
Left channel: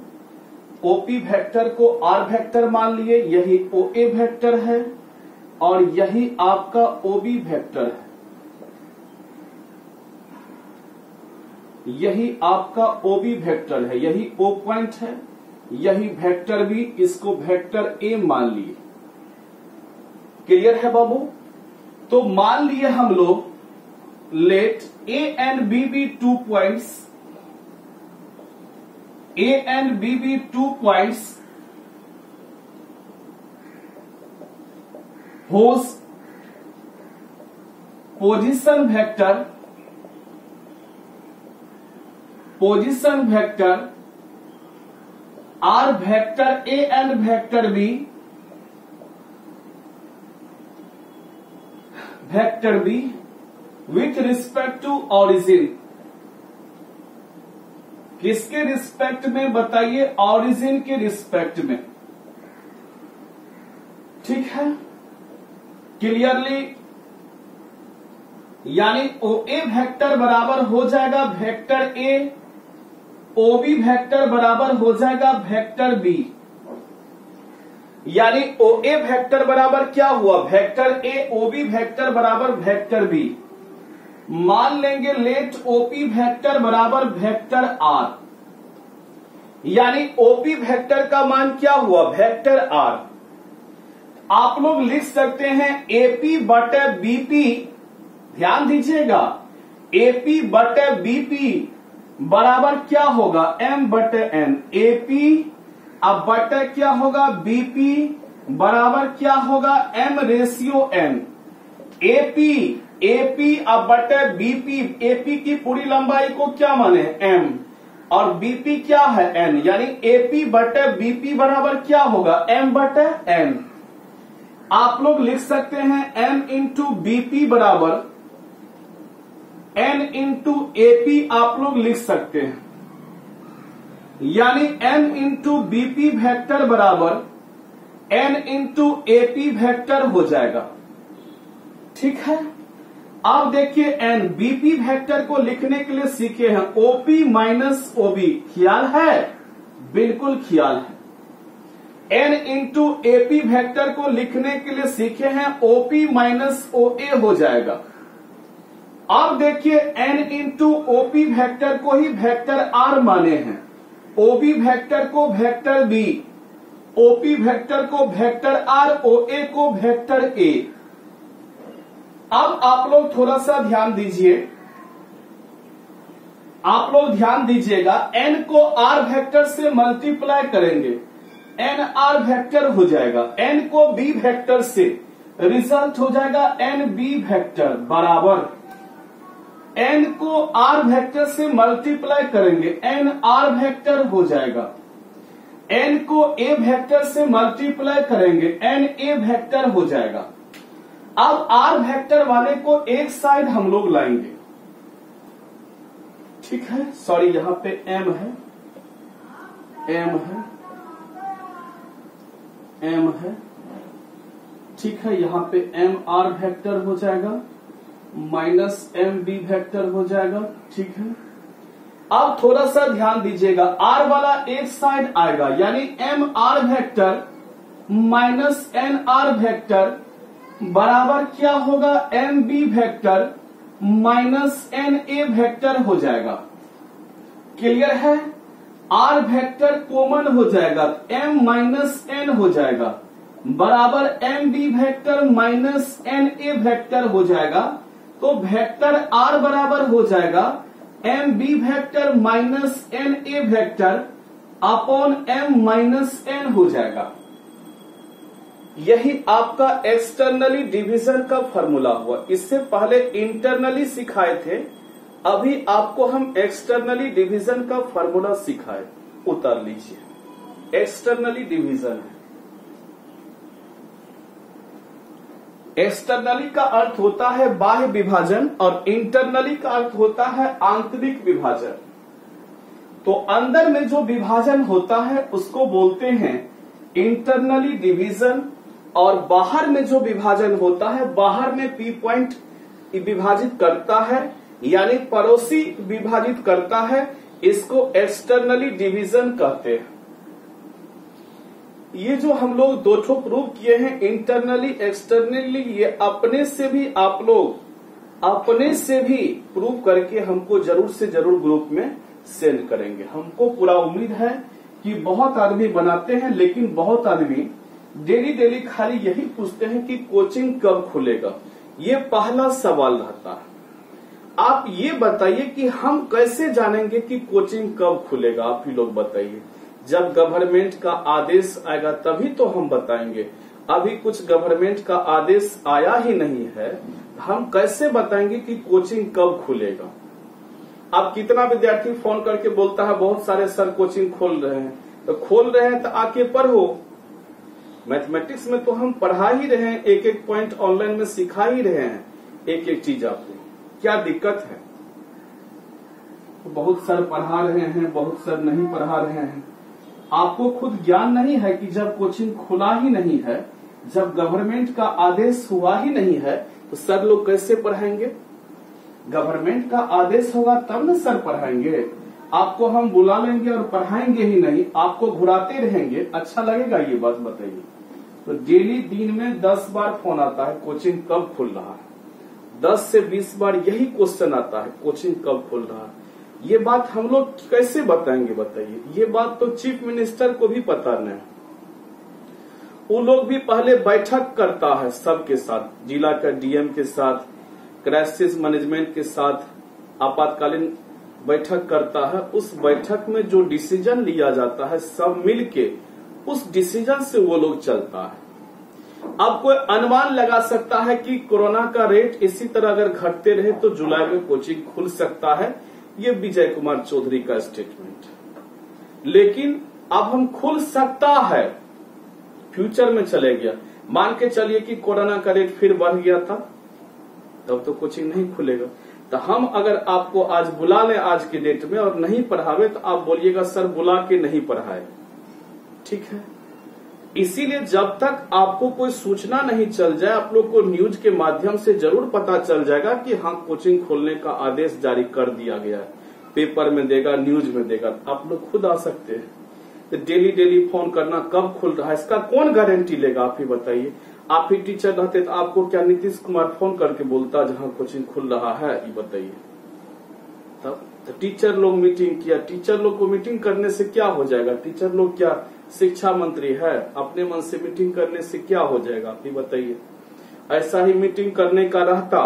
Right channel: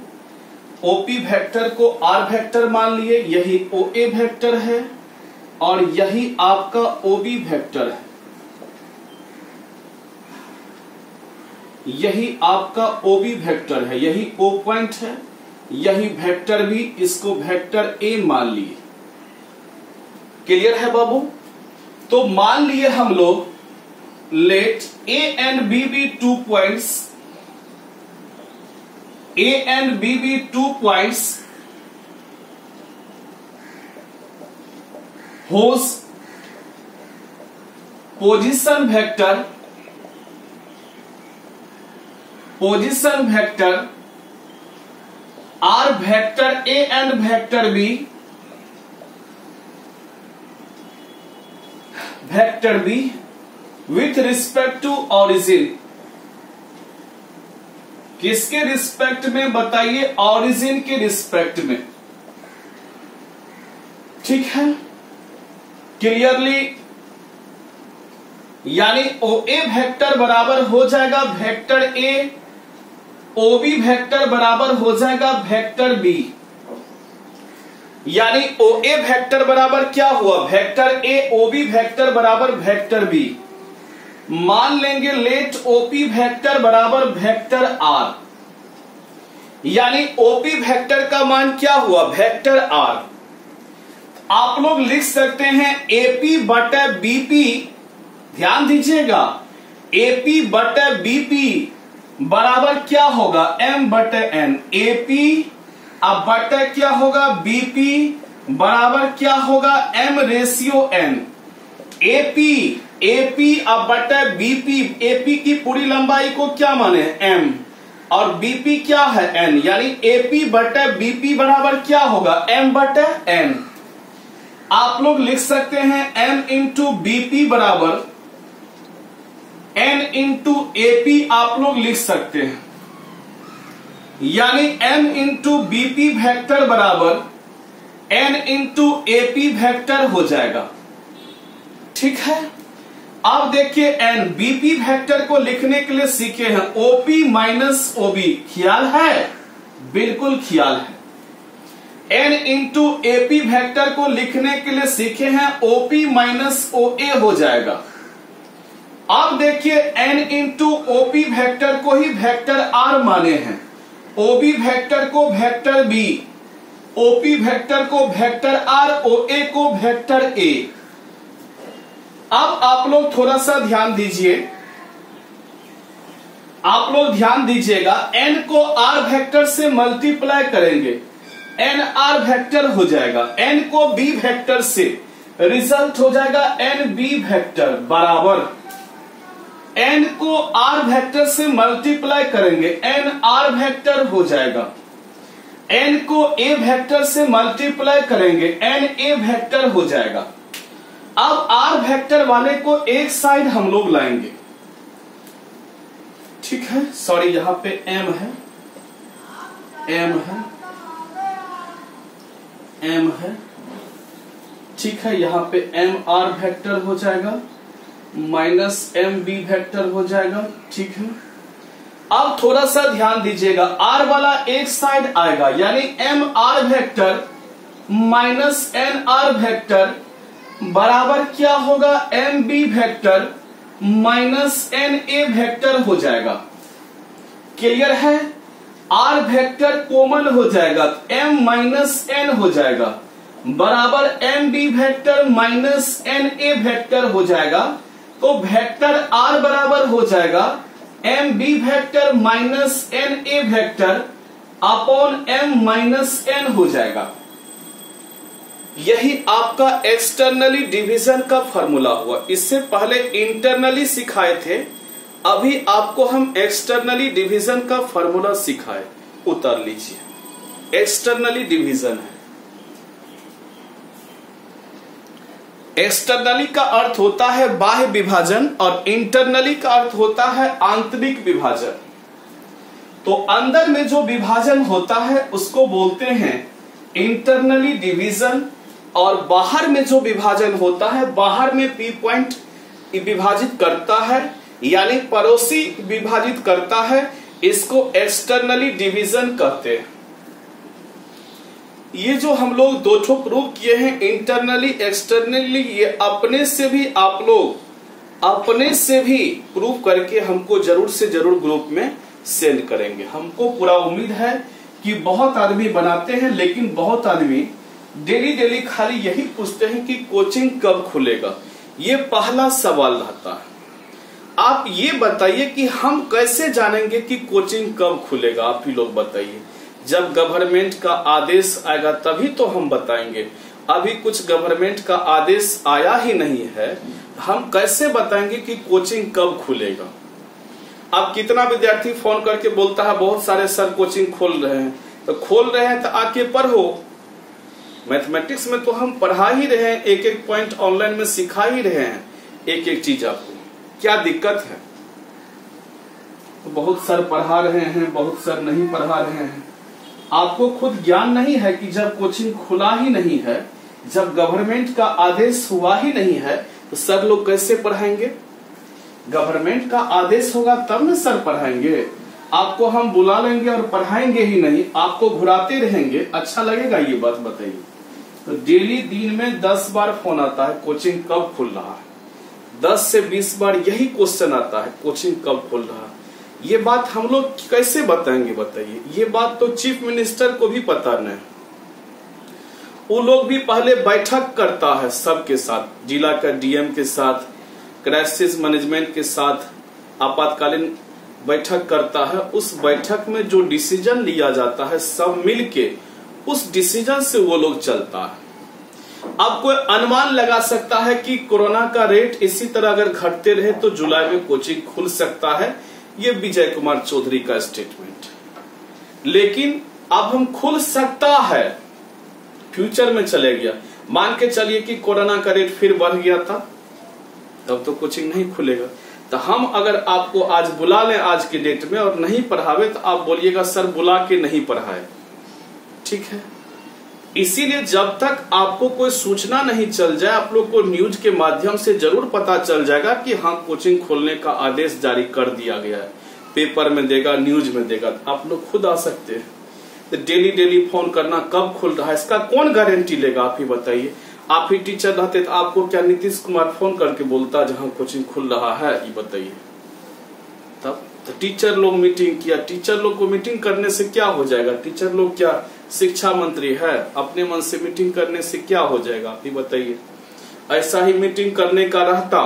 OP वेक्टर को R वेक्टर मान लिए, यही OA वेक्टर है और यही आपका OB वेक्टर है। यही आपका OB वेक्टर है, यही O पॉइंट है, यही वेक्टर भी, इसको वेक्टर A मान लिए। क्लियर है बाबू? तो मान लिए हम लोग late A and B be 2 points, A and B be 2 points whose position vector are vector A and vector B with respect to origin। किसके रिस्पेक्ट में बताइए? ऑरिजिन के रिस्पेक्ट में। ठीक है, क्लियरली, यानी OA वेक्टर बराबर हो जाएगा वेक्टर A, OB वेक्टर बराबर हो जाएगा वेक्टर B। यानी OA वेक्टर बराबर क्या हुआ? वेक्टर A, OB वेक्टर बराबर वेक्टर B। मान लेंगे लेट OP वेक्टर बराबर वेक्टर R, यानी OP वेक्टर का मान क्या हुआ? Vector R। आप लोग लिख सकते हैं AP बटा BP, ध्यान दीजिएगा, AP बटा BP बराबर क्या होगा? M बटा N। AP अब बटा क्या होगा? BP बराबर क्या होगा? M ratio N। AP अब बटा BP, AP की पूरी लंबाई को क्या माने? M, और BP क्या है? N, यानी AP बटा BP बराबर क्या होगा? M बटा N। आप लोग लिख सकते हैं M इंटू BP बराबर N इंटू AP, आप लोग लिख सकते हैं, यानी M इंटू BP वेक्टर बराबर N इंटू AP वेक्टर हो जाएगा। ठीक है, अब देखिए N BP वेक्टर को लिखने के लिए सीखे हैं OP माइनस OB, ख्याल है? बिल्कुल ख्याल है। N इंटू AP वेक्टर को लिखने के लिए सीखे हैं OP माइनस OA हो जाएगा। अब देखिए N इंटू OP वेक्टर को ही वेक्टर R माने हैं, OB वेक्टर को वेक्टर B, OP वेक्टर को वेक्टर R, OA को वेक्टर A। अब आप लोग थोड़ा सा ध्यान दीजिए, आप लोग ध्यान दीजिएगा, N को R वेक्टर से मल्टीप्लाई करेंगे, NR वेक्टर हो जाएगा, N को B वेक्टर से, रिजल्ट हो जाएगा NB वेक्टर बराबर, N को R वेक्टर से मल्टीप्लाई करेंगे, NR वेक्टर हो जाएगा, N को A वेक्टर से मल्टीप्लाई करेंगे, NA वेक्टर हो जाएगा। अब R वेक्टर वाले को एक साइड हम लोग लाएंगे। ठीक है, सॉरी यहां पे M है, M है, ठीक है, यहां पे MR वेक्टर हो जाएगा माइनस MB वेक्टर हो जाएगा। ठीक है, अब थोड़ा सा ध्यान दीजिएगा, R वाला एक साइड आएगा, यानी MR vector minus NR vector बराबर क्या होगा? MB vector minus NA vector हो जाएगा। क्लियर है? R वेक्टर कॉमन हो जाएगा, M माइनस N हो जाएगा बराबर MB vector minus NA vector हो जाएगा। तो वेक्टर R बराबर हो जाएगा M B vector minus N A vector upon M minus N हो जाएगा। यही आपका एक्सटर्नली डिवीजन का फॉर्मूला हुआ। इससे पहले इंटरनली सिखाए थे, अभी आपको हम एक्सटर्नली डिवीजन का फॉर्मूला सिखाए। उतार लीजिए, एक्सटर्नली डिवीजन है। एक्सटर्नली का अर्थ होता है बाह्य विभाजन और इंटरनली का अर्थ होता है आंतरिक विभाजन। तो अंदर में जो विभाजन होता है उसको बोलते हैं इंटरनली डिवीजन, और बाहर में जो विभाजन होता है, बाहर में पी पॉइंट विभाजित करता है यानी पड़ोसी विभाजित करता है, इसको एक्सटर्नली डिवीजन कहते हैं। ये जो हम लोग दो ठो प्रूव किए हैं, इंटरनली एक्सटर्नली, ये अपने से भी आप लोग अपने से भी प्रूव करके हमको जरूर से जरूर ग्रुप में सेंड करेंगे। हमको पूरा उम्मीद है कि बहुत आदमी बनाते हैं, लेकिन बहुत आदमी डेली डेली खाली यही पूछते हैं कि कोचिंग कब खुलेगा। ये पहला सवाल रहता है। आप ये बताइए कि हम कैसे जानेंगे कि कोचिंग कब खुलेगा? आप ही लोग बताइए। जब गवर्नमेंट का आदेश आएगा तभी तो हम बताएंगे। अभी कुछ गवर्नमेंट का आदेश आया ही नहीं है, हम कैसे बताएंगे कि कोचिंग कब खुलेगा? अब कितना विद्यार्थी फोन करके बोलता है बहुत सारे सर कोचिंग खोल रहे हैं, तो खोल रहे हैं तो आके पढ़ो। मैथमेटिक्स में तो हम पढ़ा ही रहे हैं, एक एक पॉइंट ऑनलाइन में सिखा ही रहे हैं, एक एक चीज आपको। क्या दिक्कत है? तो बहुत सर पढ़ा रहे हैं, बहुत सर नहीं पढ़ा रहे हैं। आपको खुद ज्ञान नहीं है कि जब कोचिंग खुला ही नहीं है, जब गवर्नमेंट का आदेश हुआ ही नहीं है, तो सर लोग कैसे पढ़ाएंगे? गवर्नमेंट का आदेश होगा तब न सर पढ़ाएंगे। आपको हम बुला लेंगे और पढ़ाएंगे ही नहीं, आपको घुराते रहेंगे, अच्छा लगेगा? ये बात बताइए। तो डेली दिन में 10 बार फोन आता है कोचिंग कब खुल रहा है, 10 से 20 बार यही क्वेश्चन आता है कोचिंग कब खुल रहा है। ये बात हम लोग कैसे बताएंगे बताइए? ये बात तो चीफ मिनिस्टर को भी पता नहीं। वो लोग भी पहले बैठक करता है सबके साथ, जिला का डीएम के साथ, क्राइसिस मैनेजमेंट के साथ आपातकालीन बैठक करता है। उस बैठक में जो डिसीजन लिया जाता है सब मिलके उस डिसीजन से वो लोग चलता है। अब कोई अनुमान लगा सकता है कि कोरोना का रेट इसी तरह अगर घटते रहे तो जुलाई में कोचिंग खुल सकता है। ये विजय कुमार चौधरी का स्टेटमेंट। लेकिन अब हम खुल सकता है, फ्यूचर में चले गया। मान के चलिए कि कोरोना का रेट फिर बढ़ गया था, तब तो कोचिंग नहीं खुलेगा। तो हम अगर आपको आज बुला लें आज के डेट में और नहीं पढ़ावे, तो आप बोलिएगा सर बुला के नहीं पढ़ाए, ठीक है? इसीलिए जब तक आपको कोई सूचना नहीं चल जाए, आप लोग को न्यूज के माध्यम से जरूर पता चल जाएगा कि हाँ कोचिंग खोलने का आदेश जारी कर दिया गया है, पेपर में देगा, न्यूज में देगा, तो आप लोग खुद आ सकते हैं। तो डेली डेली फोन करना कब खुल रहा है इसका कौन गारंटी लेगा? आप ही बताइए। आप ही टीचर रहते तो आपको क्या नीतीश कुमार फोन करके बोलता जहां कोचिंग खुल रहा है? ये बताइए। तब तो टीचर लोग मीटिंग किया। टीचर लोग को मीटिंग करने से क्या हो जाएगा? टीचर लोग क्या शिक्षा मंत्री है? अपने मन से मीटिंग करने से क्या हो जाएगा? आप ही बताइए। ऐसा ही मीटिंग करने का रहता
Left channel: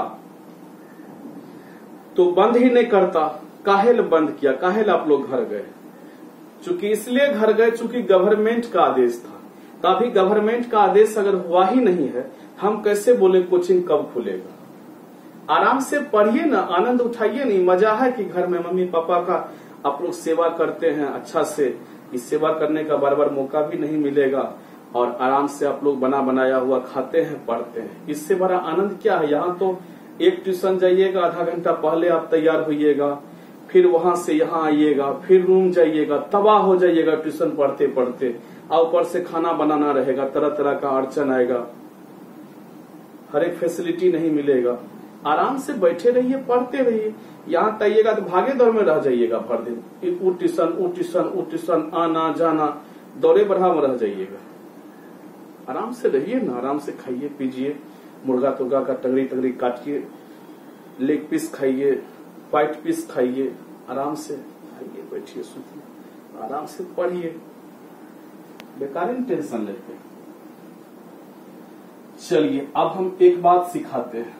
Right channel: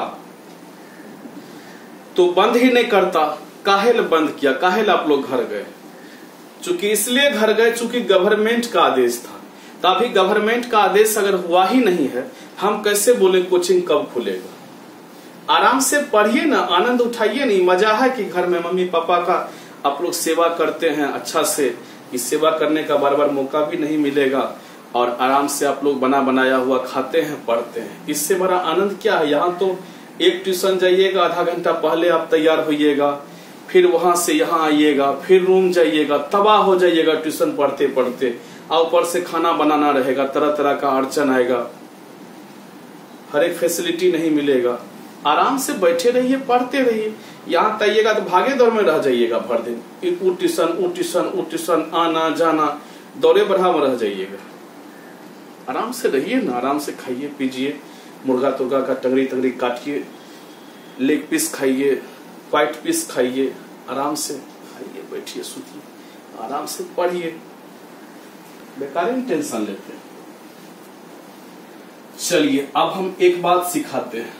तो बंद ही नहीं करता। काहेल बंद किया? काहेल आप लोग घर गए? चूंकि इसलिए घर गए चूंकि गवर्नमेंट का आदेश था। तो अभी गवर्नमेंट का आदेश अगर हुआ ही नहीं है, हम कैसे बोले कोचिंग कब खुलेगा? आराम से पढ़िए ना, आनंद उठाइए। नहीं मजा है कि घर में मम्मी पापा का आप लोग सेवा करते हैं अच्छा से। इस सेवा करने का बार बार मौका भी नहीं मिलेगा और आराम से आप लोग बना बनाया हुआ खाते हैं, पढ़ते हैं। इससे बड़ा आनंद क्या है? यहाँ तो एक ट्यूशन जाइएगा, आधा घंटा पहले आप तैयार होइएगा, फिर वहां से यहाँ आइएगा, फिर रूम जाइएगा, तबाह हो जाइएगा ट्यूशन पढ़ते पढ़ते। और ऊपर से खाना बनाना रहेगा, तरह तरह का अड़चन आएगा, हर एक फैसिलिटी नहीं मिलेगा। आराम से बैठे रहिए, पढ़ते रहिए। यहाँ आइएगा तो भागे दौड़ में रह जाइएगा भर दिन, वो ट्यूशन, आना जाना, दौड़े बढ़ा में रह जाइएगा। आराम से रहिए ना, आराम से खाइए पीजिए, मुर्गा तुर्गा का टंगड़ी तंगड़ी काटिए, लेग पीस खाइए, व्हाइट पीस खाइए, आराम से खाइए, बैठिए, सुतिए, आराम से पढ़िए। बेकार ही टेंशन लेते हैं। चलिए अब हम एक बात सिखाते हैं।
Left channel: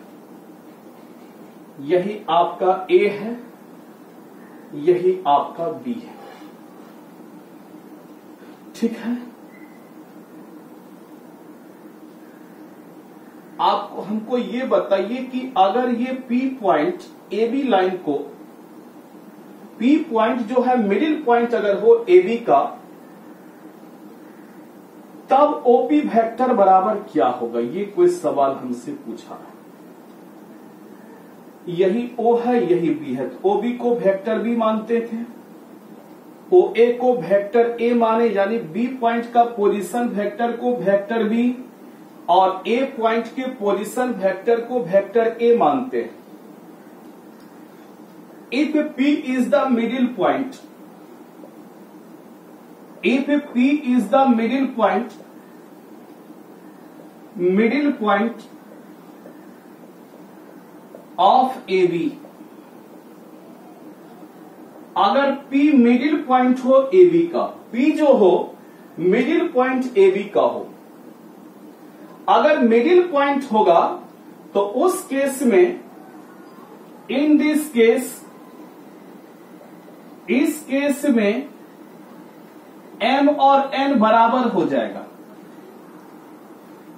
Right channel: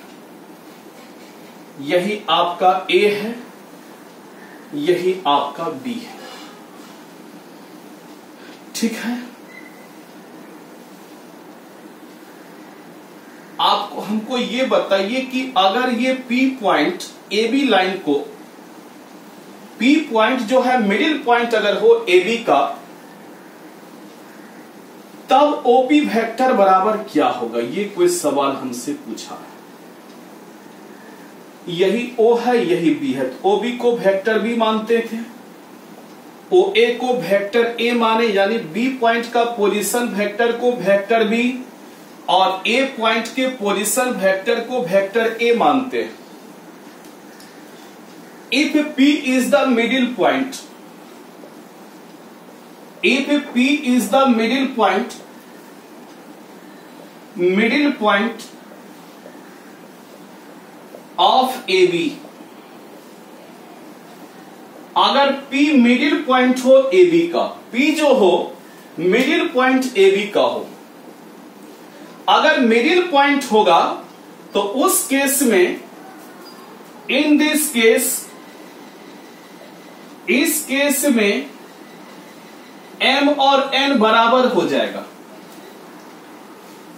यही आपका ए है, यही आपका बी है। ठीक है, आपको हमको ये बताइए कि अगर ये P point A B line को, पी पॉइंट जो है मिडिल पॉइंट अगर हो ए बी का, तब ओपी वेक्टर बराबर क्या होगा? ये कोई सवाल हमसे पूछा है। यही ओ है, यही बी है, तो ओ बी को वेक्टर बी मानते थे, ओ ए को वेक्टर ए माने, यानी बी पॉइंट का पोजीशन वेक्टर को वेक्टर बी और ए पॉइंट के पोजीशन वेक्टर को वेक्टर ए मानते हैं। If P is the middle point, if P is the middle point of AB, अगर P मिडिल पॉइंट हो AB का, P जो हो मिडिल पॉइंट AB का हो, अगर मिडिल पॉइंट होगा तो उस केस में, इन दिस केस, इस केस में m और n बराबर हो जाएगा,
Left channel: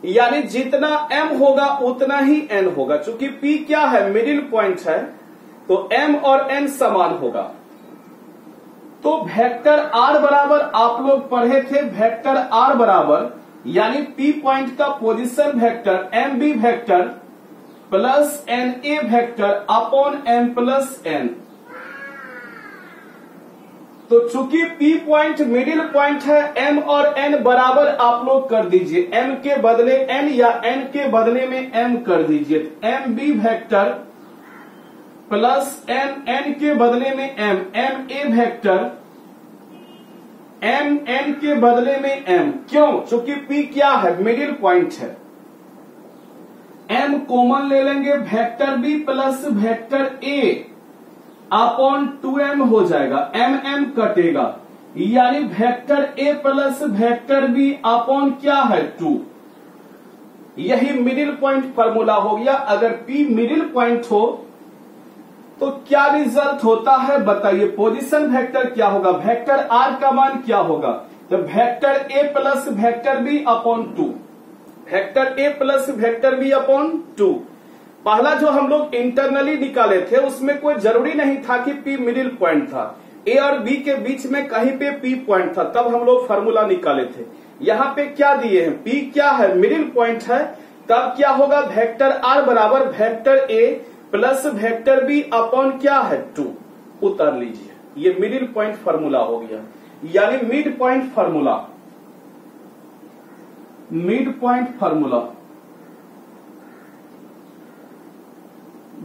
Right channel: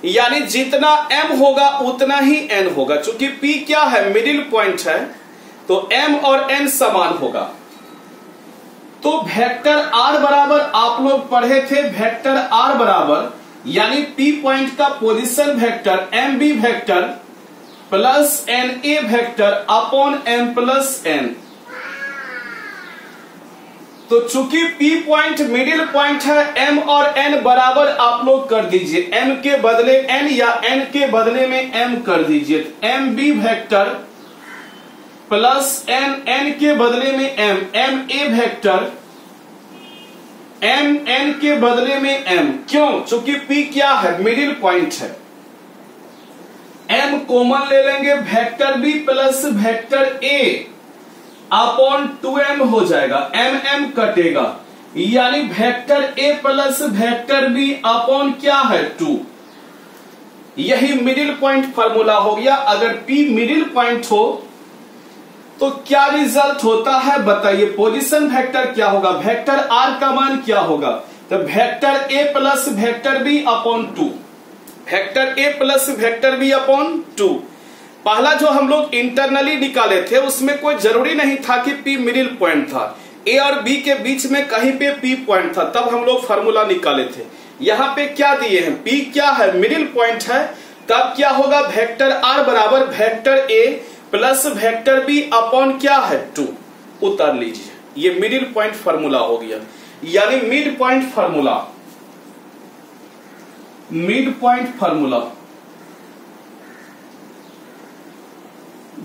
यानी जितना m होगा उतना ही n होगा। चूंकि p क्या है? मिडिल पॉइंट है, तो m और n समान होगा। तो वेक्टर r बराबर आप लोग पढ़े थे, वेक्टर r बराबर यानी p पॉइंट का position vector mb vector plus na vector upon m plus n। तो चूंकि P पॉइंट मिडिल पॉइंट है, M और N बराबर आप लोग कर दीजिए, M के बदले N या N के बदले में M कर दीजिए। M B vector plus N के बदले में M, M A vector M N के बदले में M। क्यों? चूंकि P क्या है? मिडिल पॉइंट है। M कॉमन ले लेंगे, vector B plus vector A upon 2m हो जाएगा, m कटेगा, यानी vector a plus vector b upon क्या है? 2। यही मिडिल पॉइंट फॉर्मूला हो गया। अगर p मिडिल पॉइंट हो तो क्या रिजल्ट होता है बताइए? पोजीशन वेक्टर क्या होगा? वेक्टर r का मान क्या होगा? तो vector a plus vector b upon 2, vector a plus vector b upon 2। पहला जो हम लोग इंटरनली निकाले थे उसमें कोई जरूरी नहीं था कि P मिडिल पॉइंट था, A और B के बीच में कहीं पे P पॉइंट था, तब हम लोग फार्मूला निकाले थे। यहाँ पे क्या दिए हैं? P क्या है? मिडिल पॉइंट है, तब क्या होगा? वेक्टर R बराबर vector A plus vector B upon क्या है? 2। उतार लीजिए, ये मिडिल पॉइंट फार्मूला हो गया, यानी mid point formula, mid point formula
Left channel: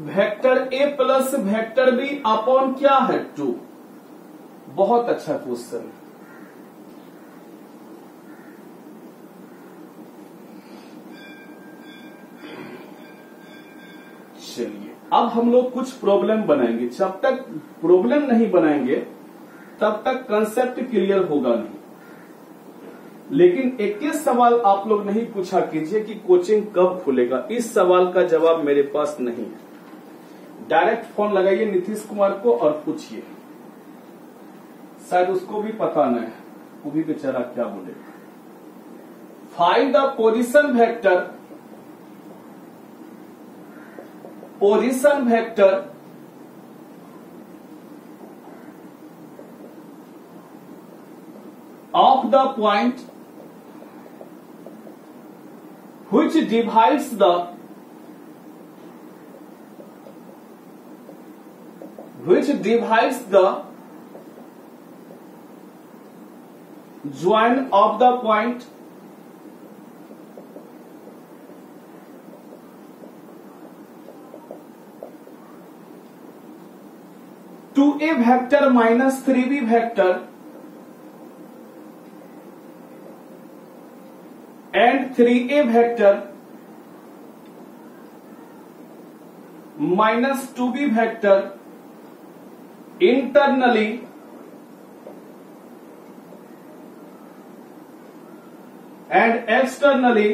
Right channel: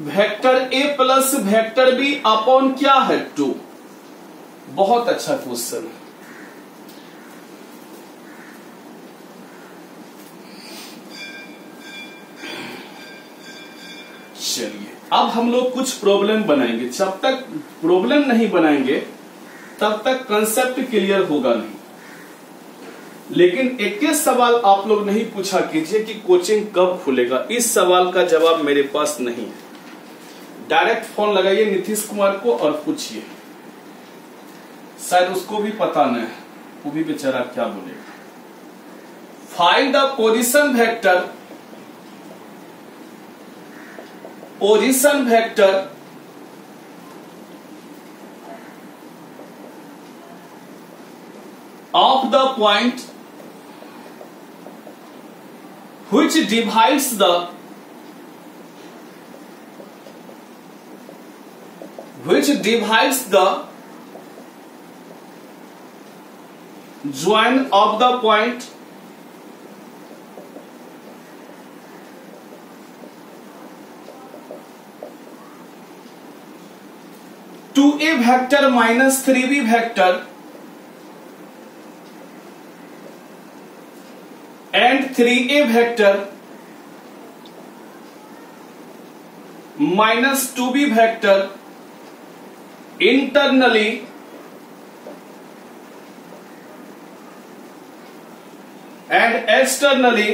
vector a plus vector b upon क्या है? 2। बहुत अच्छा क्वेश्चन। चलिए अब हम लोग कुछ प्रॉब्लम बनाएंगे। जब तक प्रॉब्लम नहीं बनाएंगे तब तक कंसेप्ट क्लियर होगा नहीं। लेकिन एक ही सवाल आप लोग नहीं पूछा कीजिए कि कोचिंग कब खुलेगा, इस सवाल का जवाब मेरे पास नहीं है। डायरेक्ट फोन लगाइए नीतीश कुमार को और पूछिए, शायद उसको भी पता नहीं है, वो भी बेचारा क्या बोलेगा। Find the position vector, position vector of the point which divides the join of the point to a vector minus 3b vector and 3a vector minus 2b vector internally and externally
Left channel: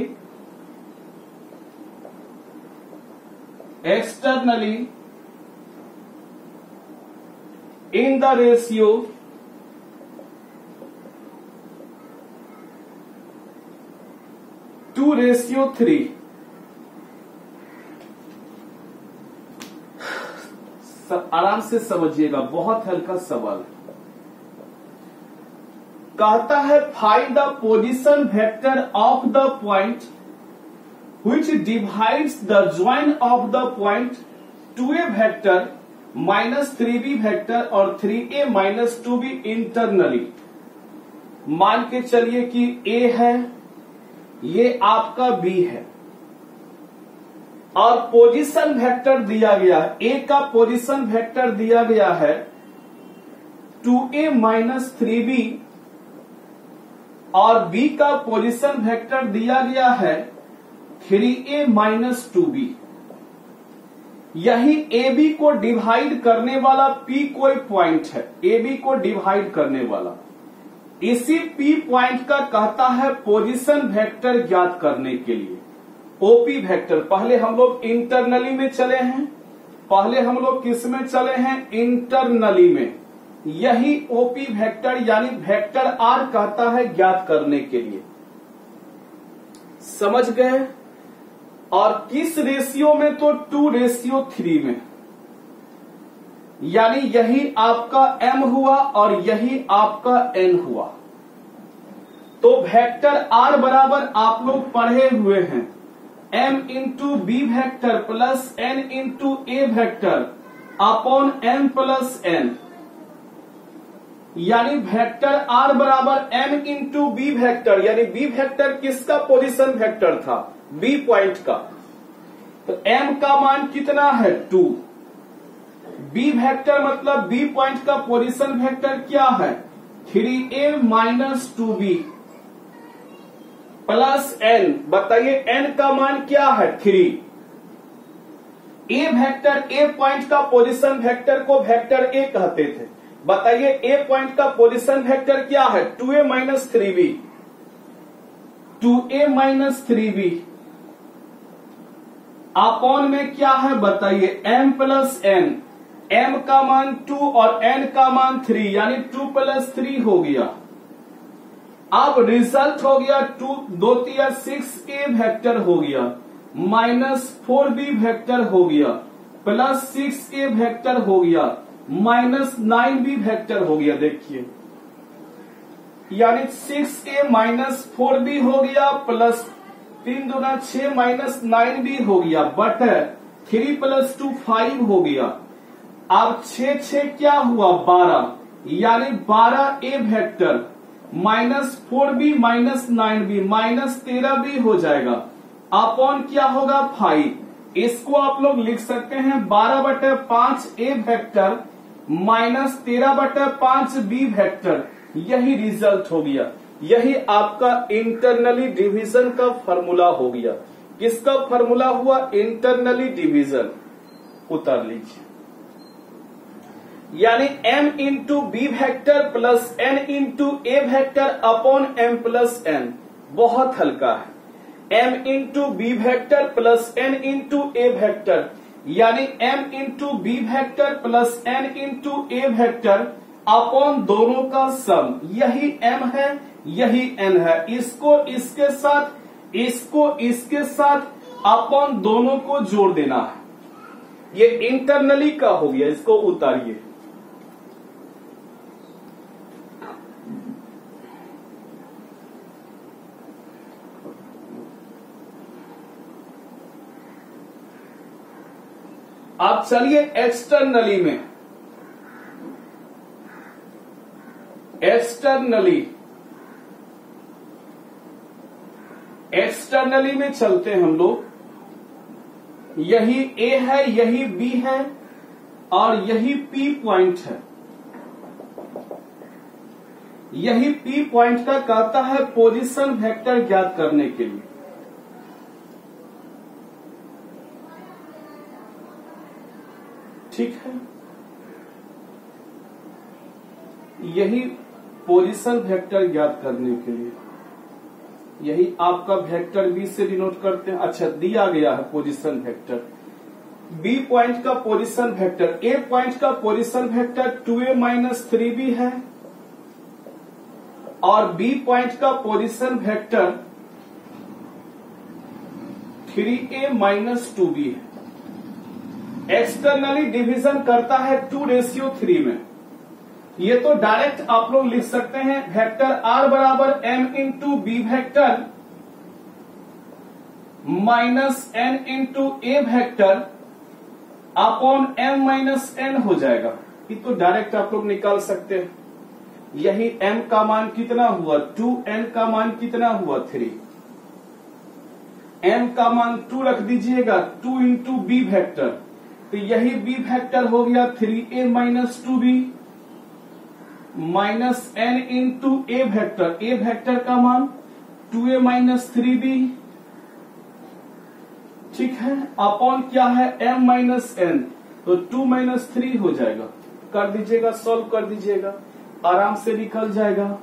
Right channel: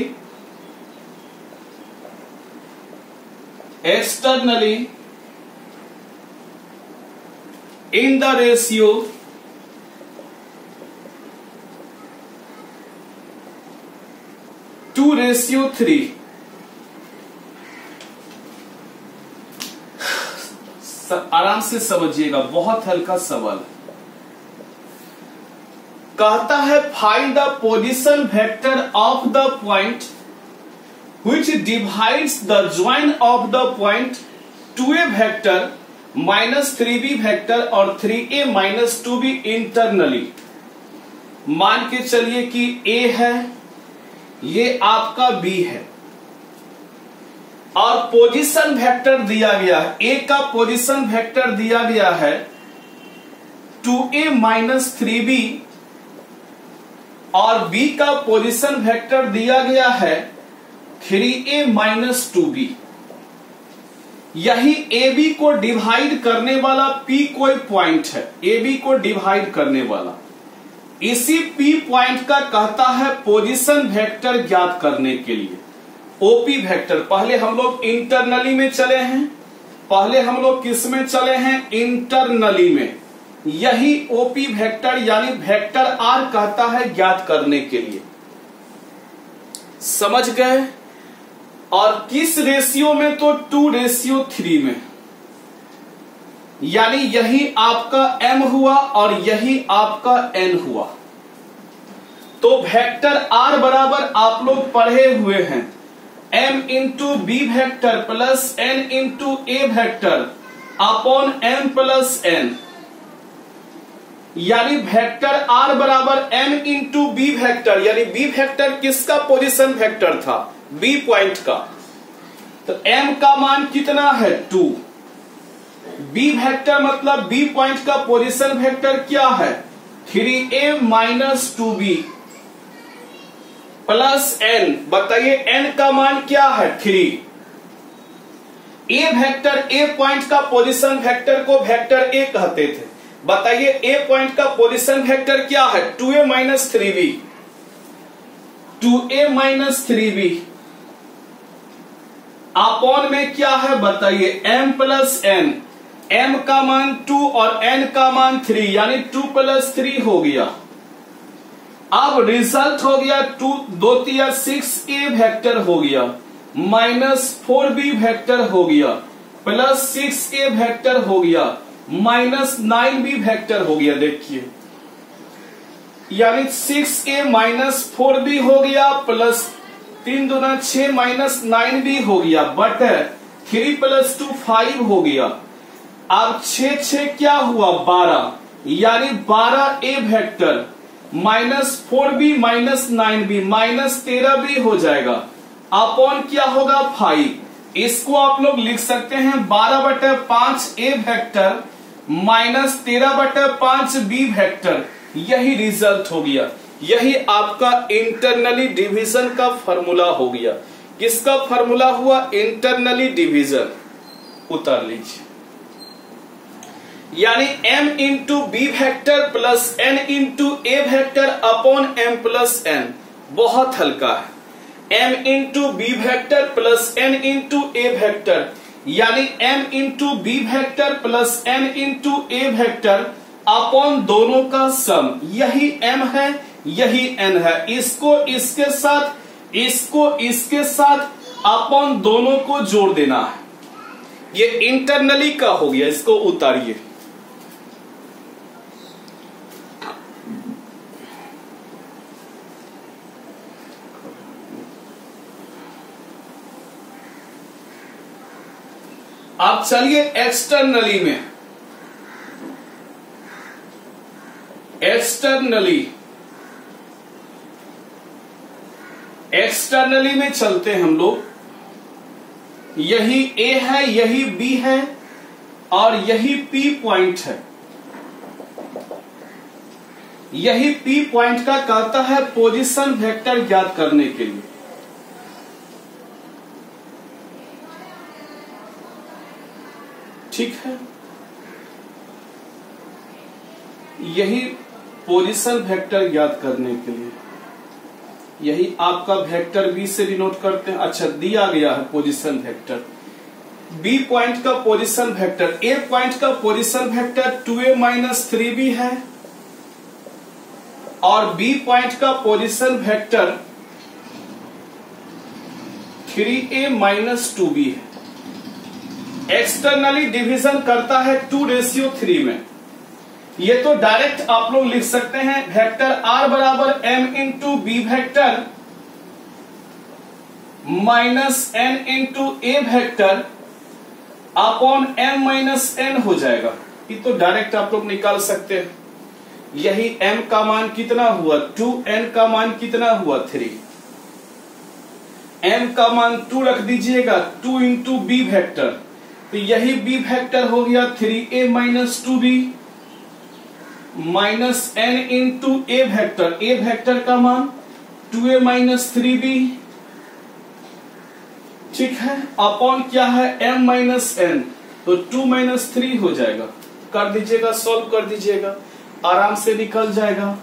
in the ratio 2:3। आराम से समझिएगा, बहुत हल्का सवाल। कहता है find the position vector of the point which divides the join of the point 2a vector minus 3b vector और 3a minus 2b internally। मान के चलिए कि a है, ये आपका b है और पोजीशन वेक्टर दिया गया है। a का पोजीशन वेक्टर दिया गया है 2a minus 3b और b का पोजीशन वेक्टर दिया गया है 3a minus 2b। यही AB को डिवाइड करने वाला P कोई पॉइंट है, AB को डिवाइड करने वाला। इसी P पॉइंट का कहता है पोजीशन वेक्टर ज्ञात करने के लिए OP वेक्टर। पहले हम लोग इंटरनली में चले हैं, पहले हम लोग किस में चले हैं? इंटरनली में। यही OP वेक्टर यानी वेक्टर R कहता है ज्ञात करने के लिए। समझ गए? और किस रेशियो में? तो 2:3 में। यानी यही आपका M हुआ और यही आपका N हुआ। तो वेक्टर R बराबर आप लोग पढ़े हुए हैं M into B vector plus N into a vector upon M plus N। यानी वेक्टर R बराबर M इंटू बी वेक्टर, यानी बी वेक्टर किसका पोजीशन वेक्टर था? बी पॉइंट का। तो M का मान कितना है? 2। बी वेक्टर मतलब बी पॉइंट का पोजीशन वेक्टर क्या है? 3a minus 2b plus n। बताइए n का मान क्या है? 3। ए वेक्टर, ए पॉइंट का पोजीशन वेक्टर को वेक्टर ए कहते थे। बताइए ए पॉइंट का पोजीशन वेक्टर क्या है? 2a minus 3b। 2a minus 3b upon में क्या है? बताइए m प्लस n। m का मान 2 और n का मान 3, यानी 2 प्लस 3 हो गया। अब रिजल्ट हो गया 2 2 6a वेक्टर हो गया माइनस 4b वेक्टर हो गया प्लस 6a वेक्टर हो गया माइनस 9b वेक्टर हो गया। देखिए यानी 6a माइनस 4b हो गया प्लस 3 दूना 6 माइनस 9b हो गया बट 3 प्लस 2 5 हो गया। अब 6 क्या हुआ? 12, यानी 12a vector minus 4b minus 9b minus 13b हो जाएगा अपॉन क्या होगा? 5। इसको आप लोग लिख सकते हैं 12/5a vector minus 13/5b vector. यही रिजल्ट हो गया। यही आपका इंटरनली डिवीजन का फॉर्मूला हो गया। किसका फॉर्मूला हुआ? Internally division. उतार लीजिए। यानी m into B vector plus n into a vector upon m plus n। बहुत हल्का है। m into B vector plus n into a vector, यानी m into B vector plus n into a vector upon दोनों का सम। यही m है, यही n है। इसको इसके साथ, इसको इसके साथ अपॉन दोनों को जोड़ देना है। ये इंटरनली का हो गया। इसको उतारिए। अब चलिए एक्सटर्नली में। एक्सटर्नली में चलते हैं हम लोग। यही A है, यही B है और यही P पॉइंट है। यही P पॉइंट का कहता है पोजीशन वेक्टर ज्ञात करने के लिए। ठीक है, यही पोजीशन वेक्टर ज्ञात करने के लिए। यही आपका वेक्टर बी से डिनोट करते हैं। अच्छा, दिया गया है पोजीशन वेक्टर। बी पॉइंट का पोजीशन वेक्टर, ए पॉइंट का position vector 2a minus 3b है और बी पॉइंट का position vector 3a minus 2b है। एक्सटर्नली डिवीजन करता है 2:3 में। ये तो डायरेक्ट आप लोग लिख सकते हैं वेक्टर r बराबर m into B vector minus n into a vector upon m minus n हो जाएगा। ये तो डायरेक्ट आप लोग निकाल सकते हैं। यही m का मान कितना हुआ 2, n का मान कितना हुआ 3, m का मान 2 रख दीजिएगा 2 इंटू बी वेक्टर, तो यही बी वेक्टर हो गया 3a minus 2b minus n into a vector, a vector का मान 2a माइनस 3b, ठीक है, अपॉन क्या है m माइनस n, तो 2 माइनस 3 हो जाएगा। कर दीजिएगा, सॉल्व कर दीजिएगा, आराम से निकल जाएगा।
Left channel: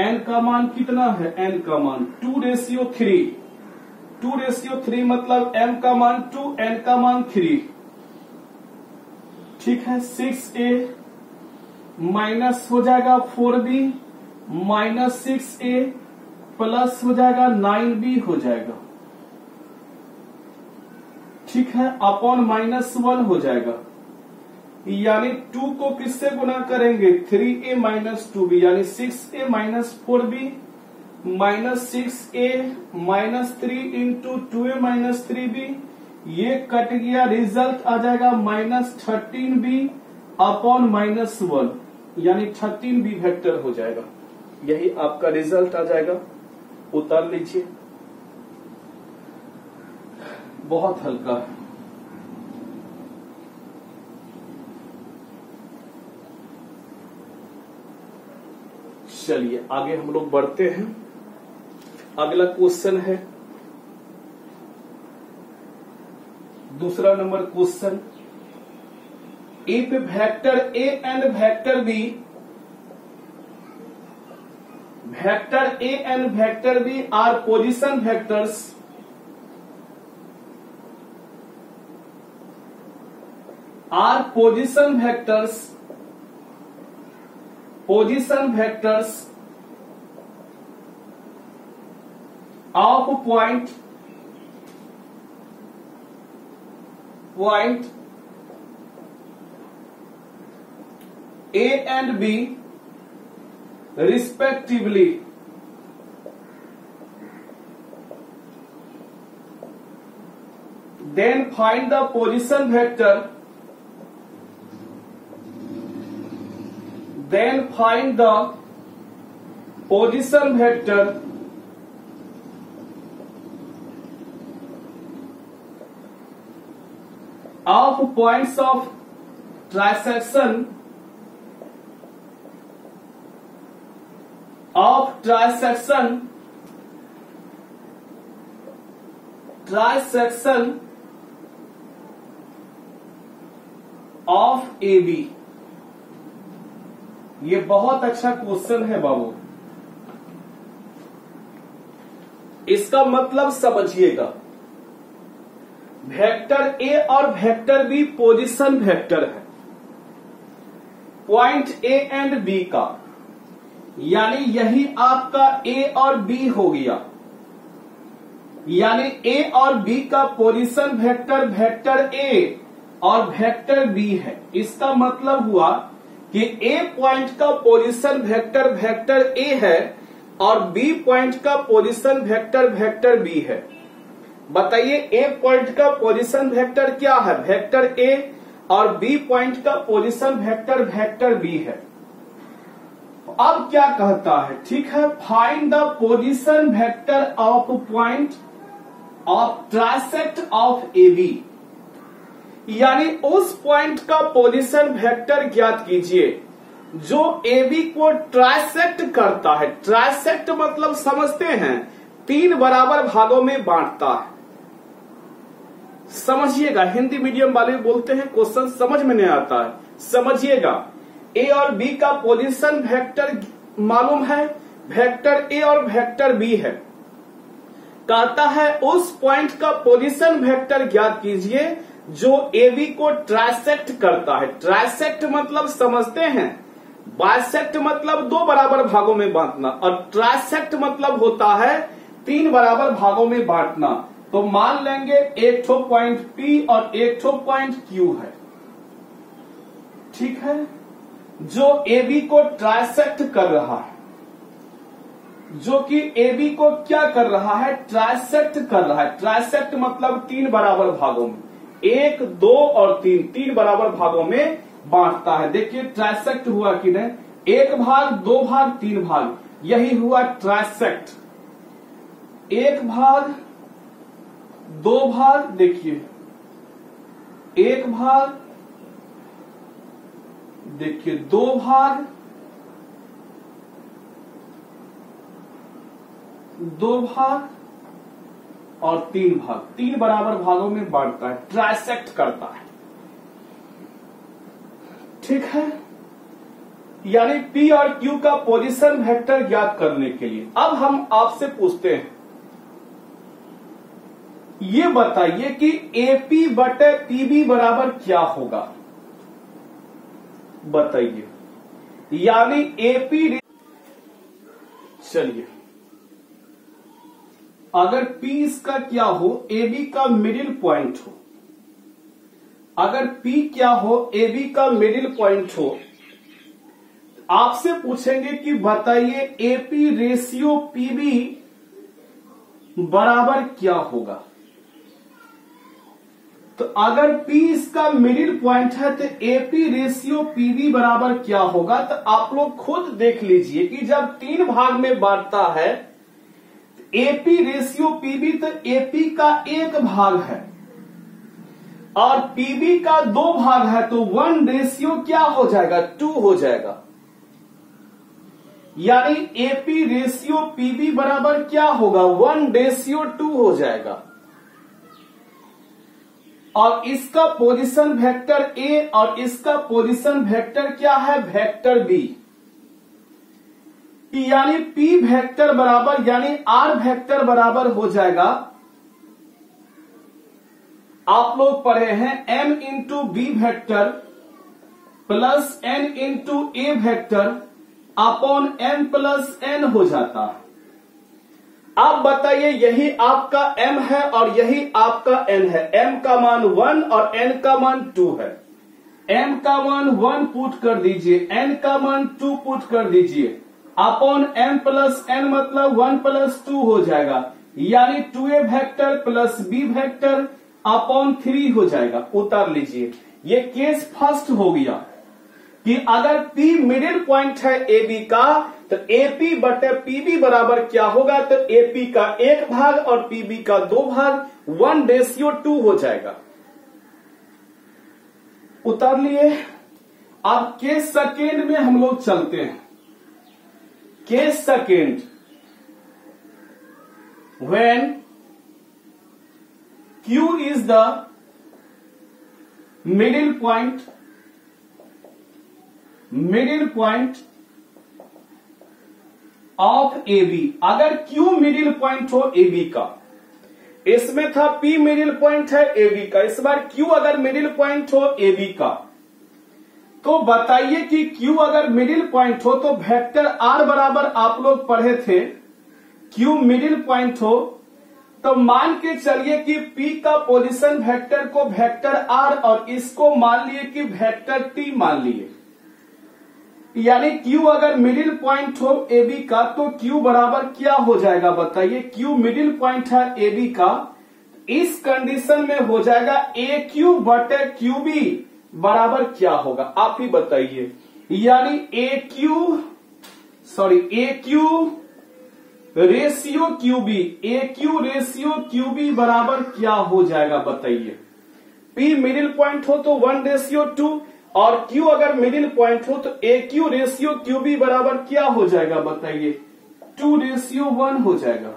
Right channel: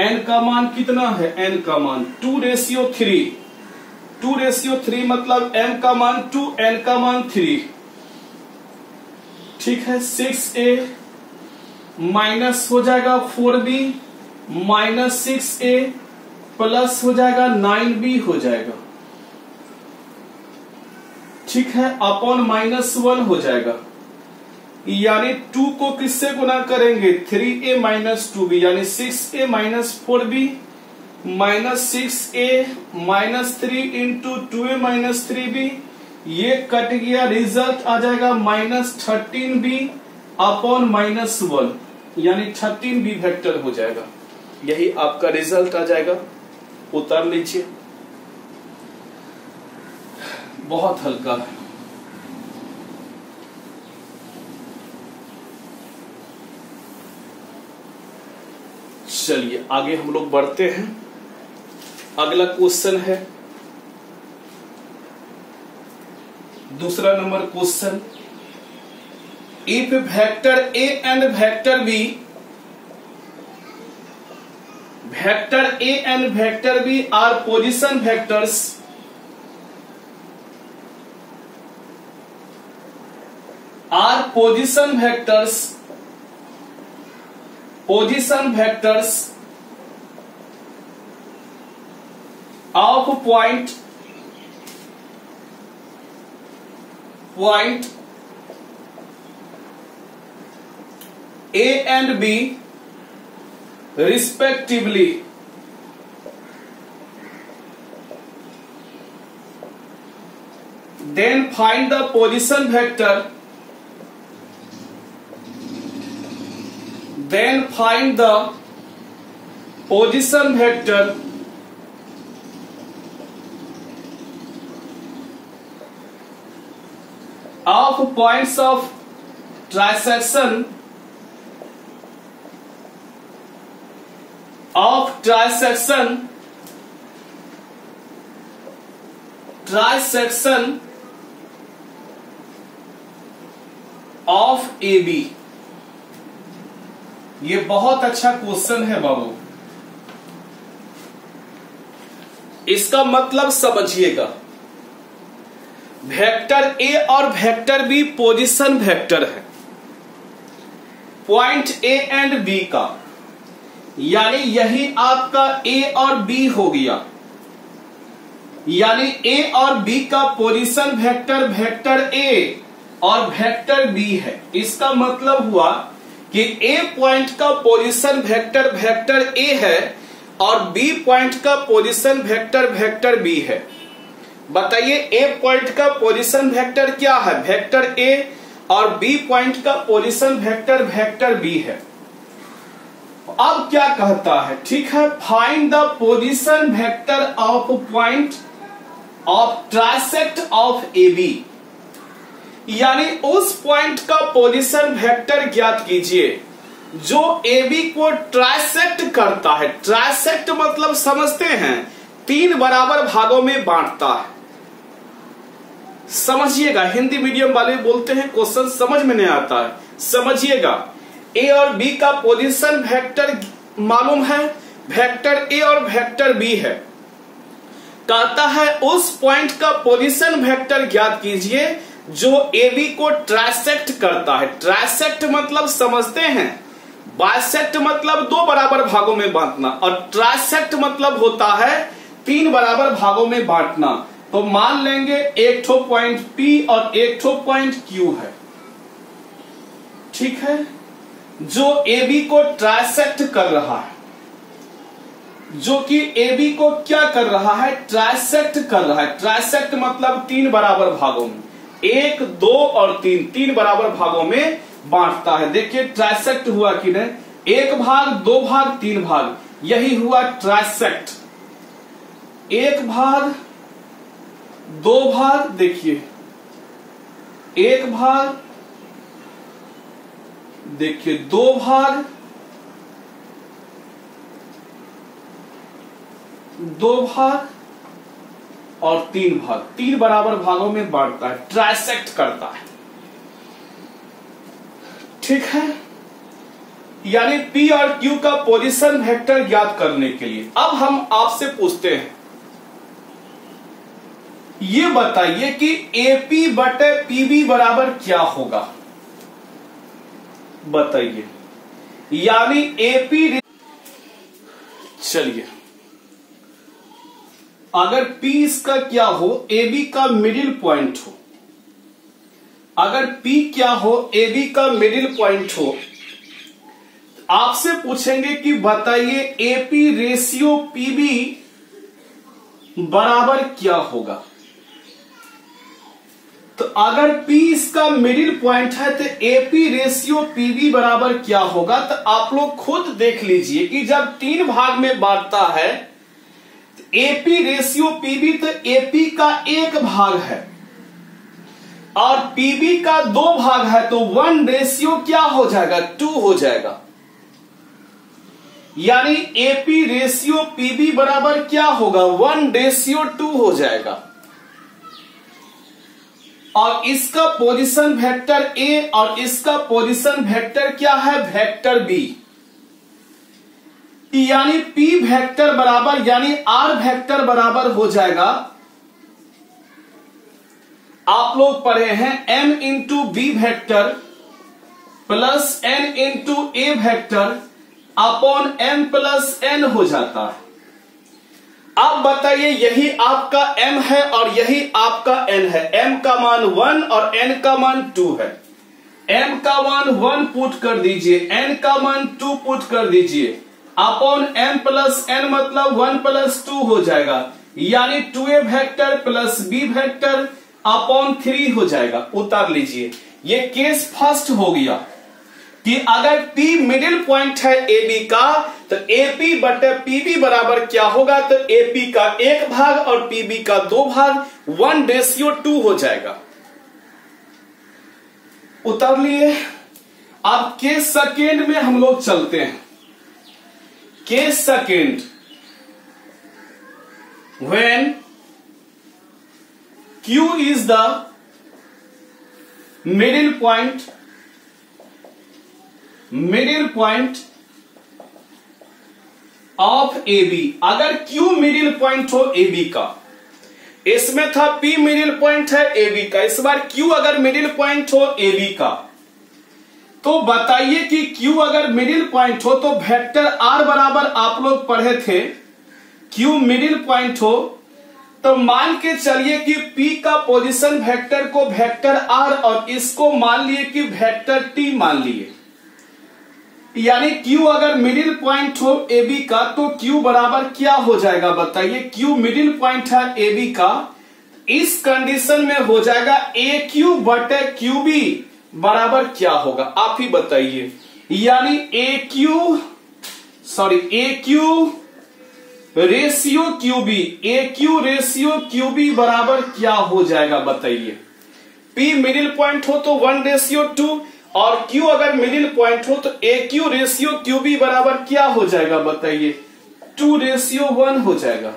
n का मान कितना है, n का मान 2:3, 2:3 मतलब m का मान 2, n का मान 3, ठीक है। 6a माइनस हो जाएगा 4b माइनस 6a प्लस हो जाएगा 9b हो जाएगा, ठीक है, अपॉन माइनस 1 हो जाएगा। यानी 2 को किससे गुना करेंगे 3a माइनस 2b, यानी 6a minus 4b minus 6a minus 3 into 2a minus 3b, ये कट गया, रिजल्ट आ जाएगा माइनस 13b अपॉन माइनस 1, यानी 13b वेक्टर हो जाएगा। यही आपका रिजल्ट आ जाएगा। उतार लीजिए, बहुत हल्का है। चलिए आगे हम लोग बढ़ते हैं। अगला क्वेश्चन है दूसरा number question, if vector A and vector B, vector A and vector B are position vectors, position vectors of point A and B respectively, then find the position vector, of points of trisection of AB। ये बहुत अच्छा question है बाबू, इसका मतलब समझिएगा। Vector A और vector B position vector है point A and B का, यानी यही आपका ए और बी हो गया, यानी ए और बी का पोजीशन वेक्टर वेक्टर ए और वेक्टर बी है। इसका मतलब हुआ कि ए पॉइंट का पोजीशन वेक्टर वेक्टर ए है और बी पॉइंट का पोजीशन वेक्टर वेक्टर बी है। बताइए ए पॉइंट का पोजीशन वेक्टर क्या है, वेक्टर ए, और बी पॉइंट का पोजीशन वेक्टर वेक्टर बी है। अब क्या कहता है, ठीक है, find the position vector of point of trisect of A B, यानी उस पॉइंट का पोजीशन वेक्टर ज्ञात कीजिए जो ए बी को ट्राइसेक्ट करता है। ट्राइसेक्ट मतलब समझते हैं 3 बराबर भागों में बांटता है। समझिएगा, हिंदी मीडियम वाले बोलते हैं क्वेश्चन समझ में नहीं आता है, समझिएगा। ए और बी का पोजीशन वेक्टर मालूम है, वेक्टर ए और वेक्टर बी है। कहता है उस पॉइंट का पोजीशन वेक्टर ज्ञात कीजिए जो AB को ट्राइसेक्ट करता है। ट्राइसेक्ट मतलब समझते हैं, बाइसेक्ट मतलब दो बराबर भागों में बांटना, और ट्राइसेक्ट मतलब होता है तीन बराबर भागों में बांटना। तो मान लेंगे एक ठो पॉइंट P और एक ठो पॉइंट Q है, ठीक है, जो AB को ट्राइसेक्ट कर रहा है, जो कि AB को क्या कर रहा है, ट्राइसेक्ट कर रहा है। ट्राइसेक्ट मतलब तीन बराबर भागों में, एक, दो और तीन, तीन बराबर भागों में बांटता है। देखिए ट्राइसेक्ट हुआ कि नहीं, एक भाग, दो भाग, तीन भाग, यही हुआ ट्राइसेक्ट। एक भाग, दो भाग, देखिए एक भाग, देखिए दो भाग, दो भाग और तीन भाग, तीन बराबर भागों में बांटता है, ट्राइसेक्ट करता है, ठीक है। यानी P और Q का पोजीशन वेक्टर ज्ञात करने के लिए अब हम आपसे पूछते हैं, ये बताइए कि AP बटे PB बराबर क्या होगा, बताइए। यानी AP, चलिए अगर P इसका क्या हो, AB का मिडिल पॉइंट हो, अगर P क्या हो, AB का मिडिल पॉइंट हो, आपसे पूछेंगे कि बताइए AP रेशियो PB बराबर क्या होगा। तो अगर P इसका मिडिल पॉइंट है तो AP रेशियो PB बराबर क्या होगा। तो आप लोग खुद देख लीजिए कि जब तीन भाग में बांटता है AP रेशियो PB, तो AP का एक भाग है और PB का दो भाग है, तो 1 रेशियो क्या हो जाएगा, 2 हो जाएगा। यानी AP रेशियो PB बराबर क्या होगा, 1 रेशियो 2 हो जाएगा। और इसका पोजीशन वेक्टर A और इसका पोजीशन वेक्टर क्या है, वेक्टर B। यानी P वेक्टर बराबर, यानी R वेक्टर बराबर हो जाएगा, आप लोग पढ़े हैं M into B vector plus N into A vector upon M plus N हो जाता है। अब बताइए यही आपका M है और यही आपका N है। M का मान 1 और N का मान 2 है। M का मान 1 पुट कर दीजिए, N का मान 2 पुट कर दीजिए, अपॉन M प्लस N मतलब 1 प्लस 2 हो जाएगा। यानी 2A vector plus B vector upon 3 हो जाएगा। उतार लीजिए, ये केस फर्स्ट हो गया कि अगर P मिडिल पॉइंट है AB का तो AP बटे PB बराबर क्या होगा, तो AP का एक भाग और PB का दो भाग, 1 रेशियो 2 हो जाएगा। उतार लिए। अब केस सेकेंड में हम लोग चलते हैं। Case second, when Q is the middle point of AB, अगर Q मिडिल पॉइंट हो AB का, इसमें था P मिडिल पॉइंट है AB का, इस बार Q अगर मिडिल पॉइंट हो AB का, तो बताइए कि Q अगर मिडिल पॉइंट हो तो वेक्टर R बराबर आप लोग पढ़े थे, Q मिडिल पॉइंट हो तो मान के चलिए कि P का पोजीशन वेक्टर को वेक्टर R और इसको मान लिए कि वेक्टर T मान लिए। यानी Q अगर मिडिल पॉइंट हो AB का तो Q बराबर क्या हो जाएगा, बताइए। Q मिडिल पॉइंट है AB का, इस कंडीशन में हो जाएगा AQ बटे QB बराबर क्या होगा, आप ही बताइए। यानी AQ ratio QB, AQ ratio QB बराबर क्या हो जाएगा, बताइए। P मिडिल पॉइंट हो तो 1 रेशियो 2 और Q अगर मिडिल पॉइंट हो तो AQ रेशियो QB बराबर क्या हो जाएगा, बताइए। 2 रेशियो 1 हो जाएगा।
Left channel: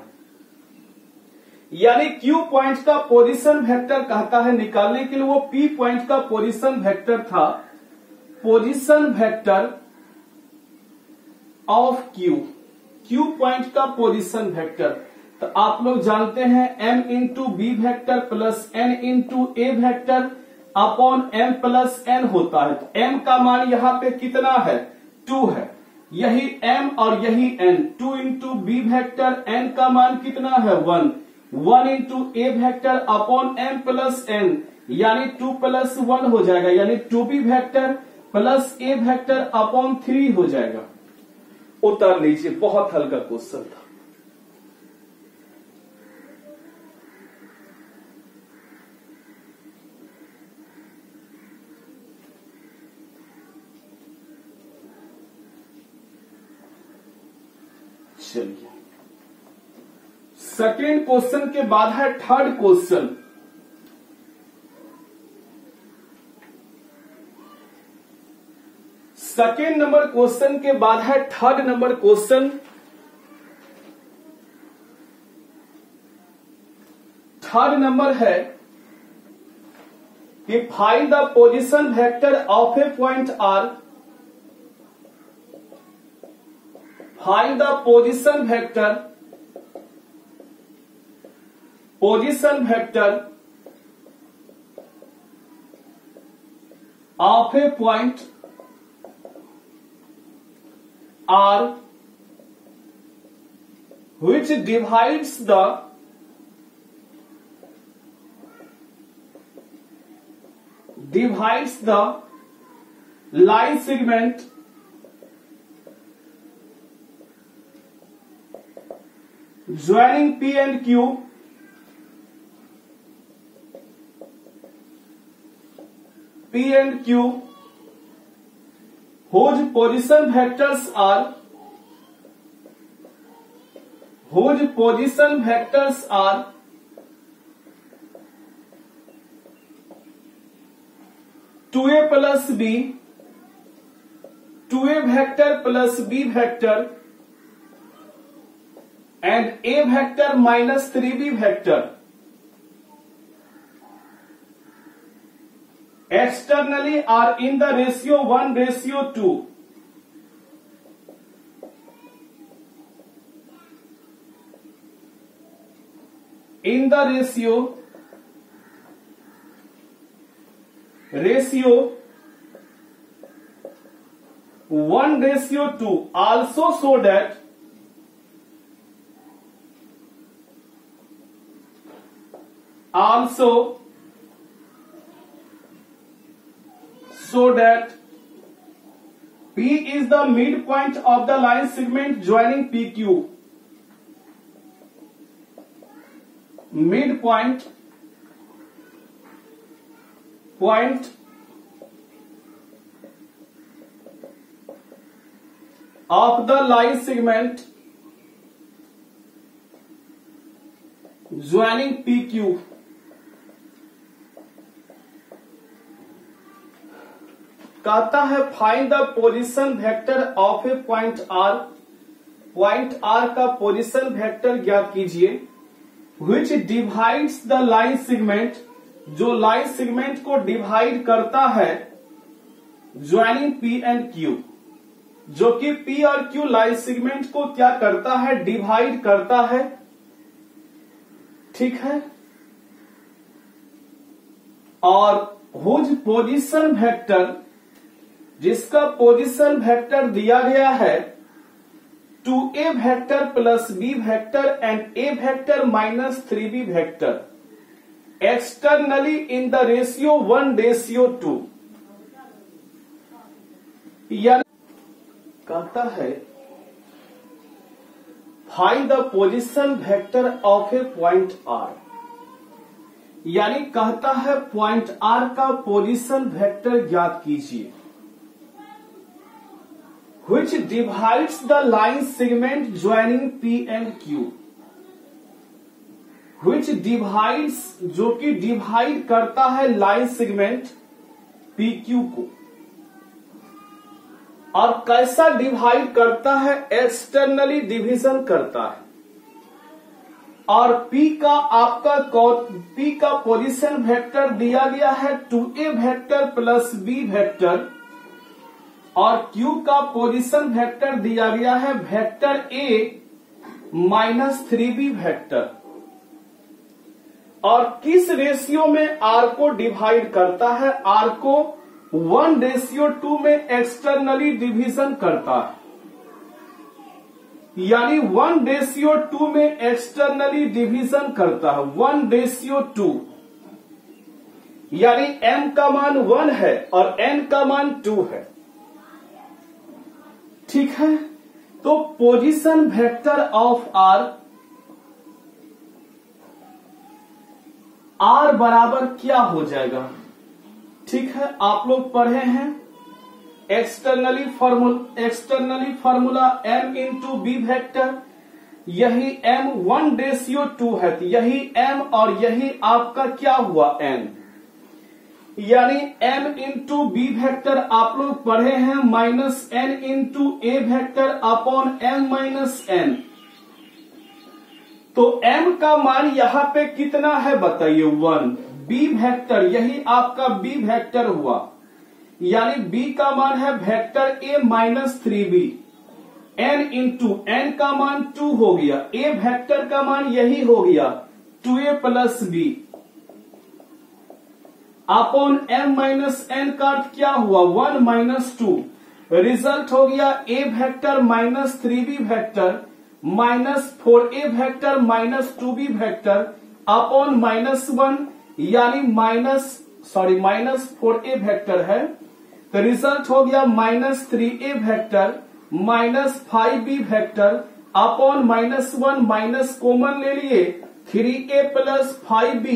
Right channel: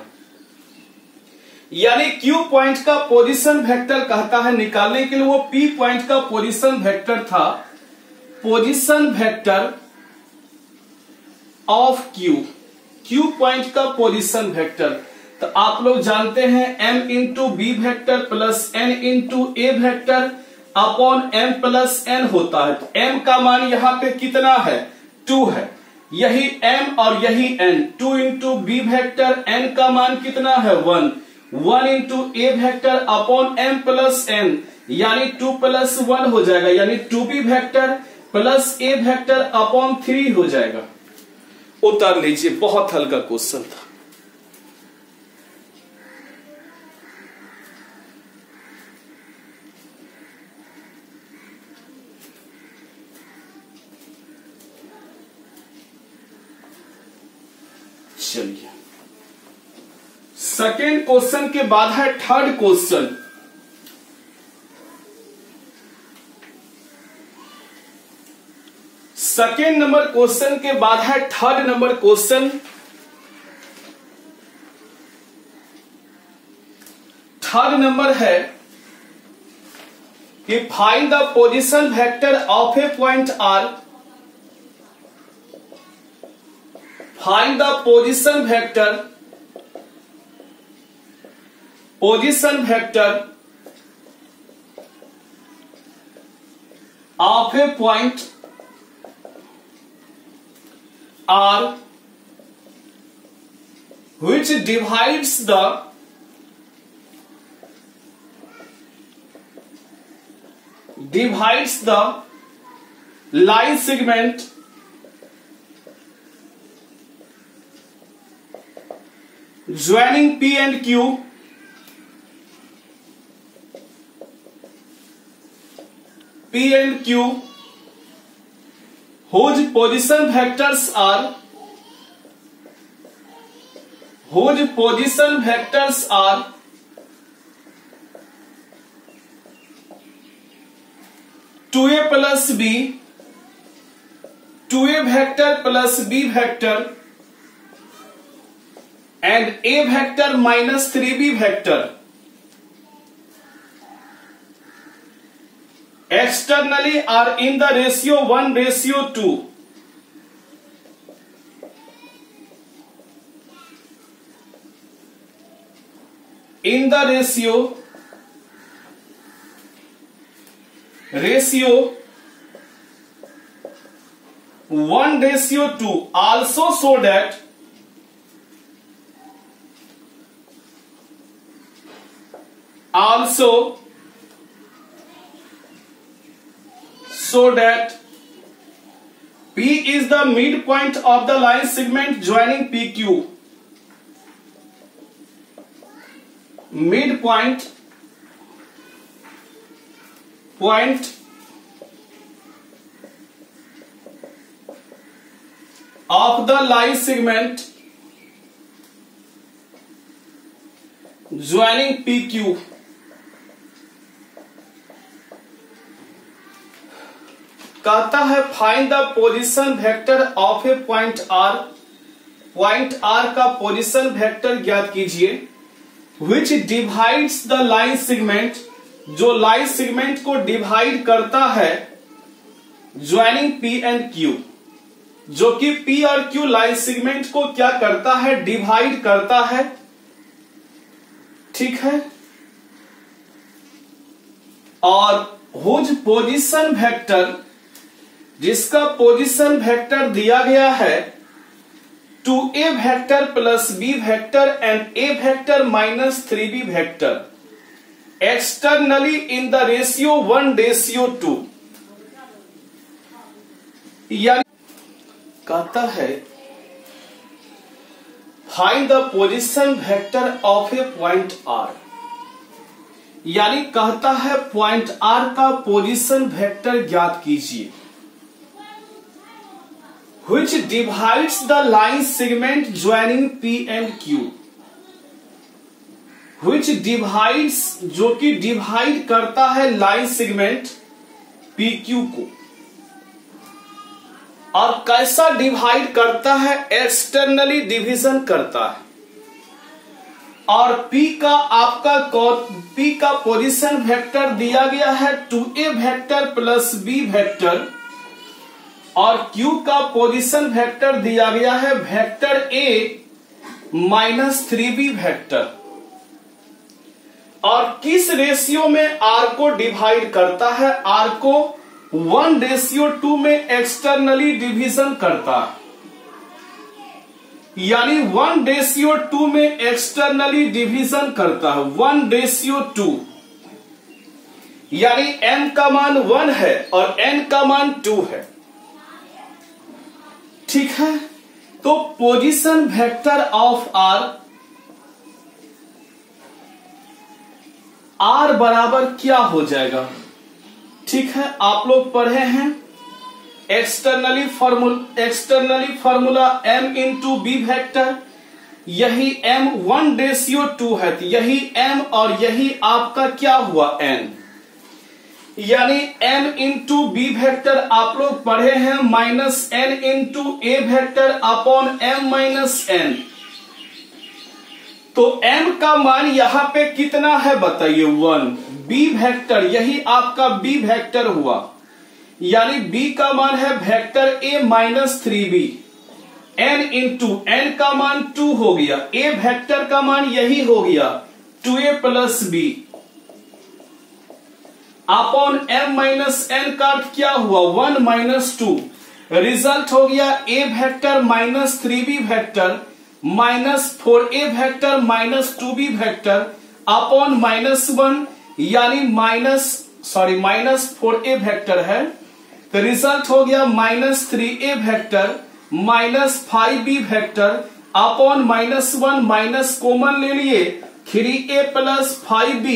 यानी Q पॉइंट का पोजीशन वेक्टर कहता है निकालने के लिए, वो P पॉइंट का पोजीशन वेक्टर था, position vector of Q point का पोजीशन वेक्टर। तो आप लोग जानते हैं m into b vector plus n into a vector upon m plus n होता है। तो m का मान यहाँ पे कितना है, 2 है, यही m और यही n, 2 into b vector, n का मान कितना है 1, 1 into a vector upon m plus n, यानी 2 प्लस 1 हो जाएगा, यानी 2b vector plus a vector upon 3 हो जाएगा। उतार लीजिए, बहुत हल्का क्वेश्चन था। चलिए, सेकेंड क्वेश्चन के बाद है third question. Second number question के बाद है third number question. Third number है कि find the position vector of a point R, find the position vector of a point R which divides the line segment joining P and Q whose position vectors are two A plus B, 2a vector plus b vector and a vector minus 3b vector externally are in the ratio 1:2. In the ratio 1:2, also so that P is the midpoint of the line segment joining PQ. Midpoint of the line segment joining PQ. कहता है find the position vector of a point R, point R का position vector ज्ञात कीजिए, which divides the line segment, जो line segment को divide करता है, joining P and Q, जो कि पी और क्यू लाइन सेगमेंट को क्या करता है, डिवाइड करता है। ठीक है, और हुज पोजीशन वेक्टर, जिसका पोजीशन वेक्टर दिया गया है 2a vector plus b vector and a vector minus 3b vector externally in the ratio 1:2, यानी कहता है find the position vector of a point R, यानी कहता है पॉइंट आर का पोजीशन वेक्टर ज्ञात कीजिए, which divides the line segment joining P and Q, which divides, जो कि डिवाइड करता है लाइन सेगमेंट PQ को, और कैसा डिवाइड करता है, एक्सटर्नली डिवीजन करता है, और P का पोजीशन वेक्टर दिया गया है 2a vector plus b vector, और Q का पोजीशन वेक्टर दिया गया है वेक्टर A -3b वेक्टर। और किस रेशियो में r को डिवाइड करता है? r को 1:2 में एक्सटर्नली डिवीजन करता है, यानी 1:2 में एक्सटर्नली डिवीजन करता है, 1:2, यानी m का मान 1 है और n का मान 2 है। ठीक है, तो पोजीशन वेक्टर ऑफ r बराबर क्या हो जाएगा? ठीक है, आप लोग पढ़े हैं externally formula m into B vector, यही m 1:2 है, तो यही m और यही आपका क्या हुआ n, यानी m इंटू बी वेक्टर आप लोग पढ़े हैं -n into a vector upon m minus n। तो m का मान यहां पे कितना है बताइए? 1। b वेक्टर, यही आपका b वेक्टर हुआ, यानी b का मान है vector a -3b, n into n का मान 2 हो गया, a वेक्टर का मान यही हो गया 2a plus b upon m minus n का क्या हुआ? 1 - 2। रिजल्ट हो गया a vector -3b vector -4a vector -2b vector upon -1, यानी -4a वेक्टर है, तो रिजल्ट हो गया -3a vector -5b vector upon -1, minus common ले लिए 3a प्लस 5b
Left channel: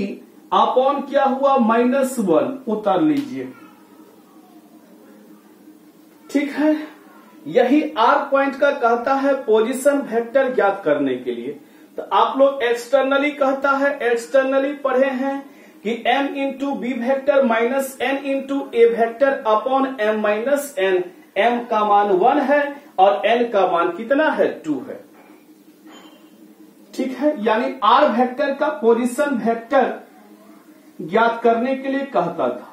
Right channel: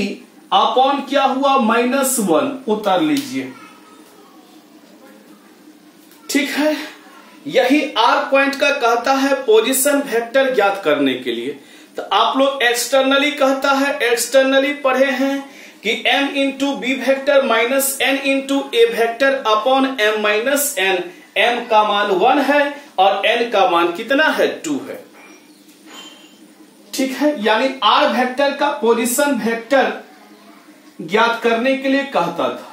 अपॉन क्या हुआ? -1, उतार लीजिए। ठीक है, यही r पॉइंट का कहता है पोजीशन वेक्टर ज्ञात करने के लिए। तो आप लोग एक्सटर्नली कहता है, एक्सटर्नली पढ़े हैं कि m into B vector minus n into a vector upon m minus n, m का मान 1 है और n का मान कितना है? 2 है। ठीक है, यानी r वेक्टर का पोजीशन वेक्टर ज्ञात करने के लिए कहता था,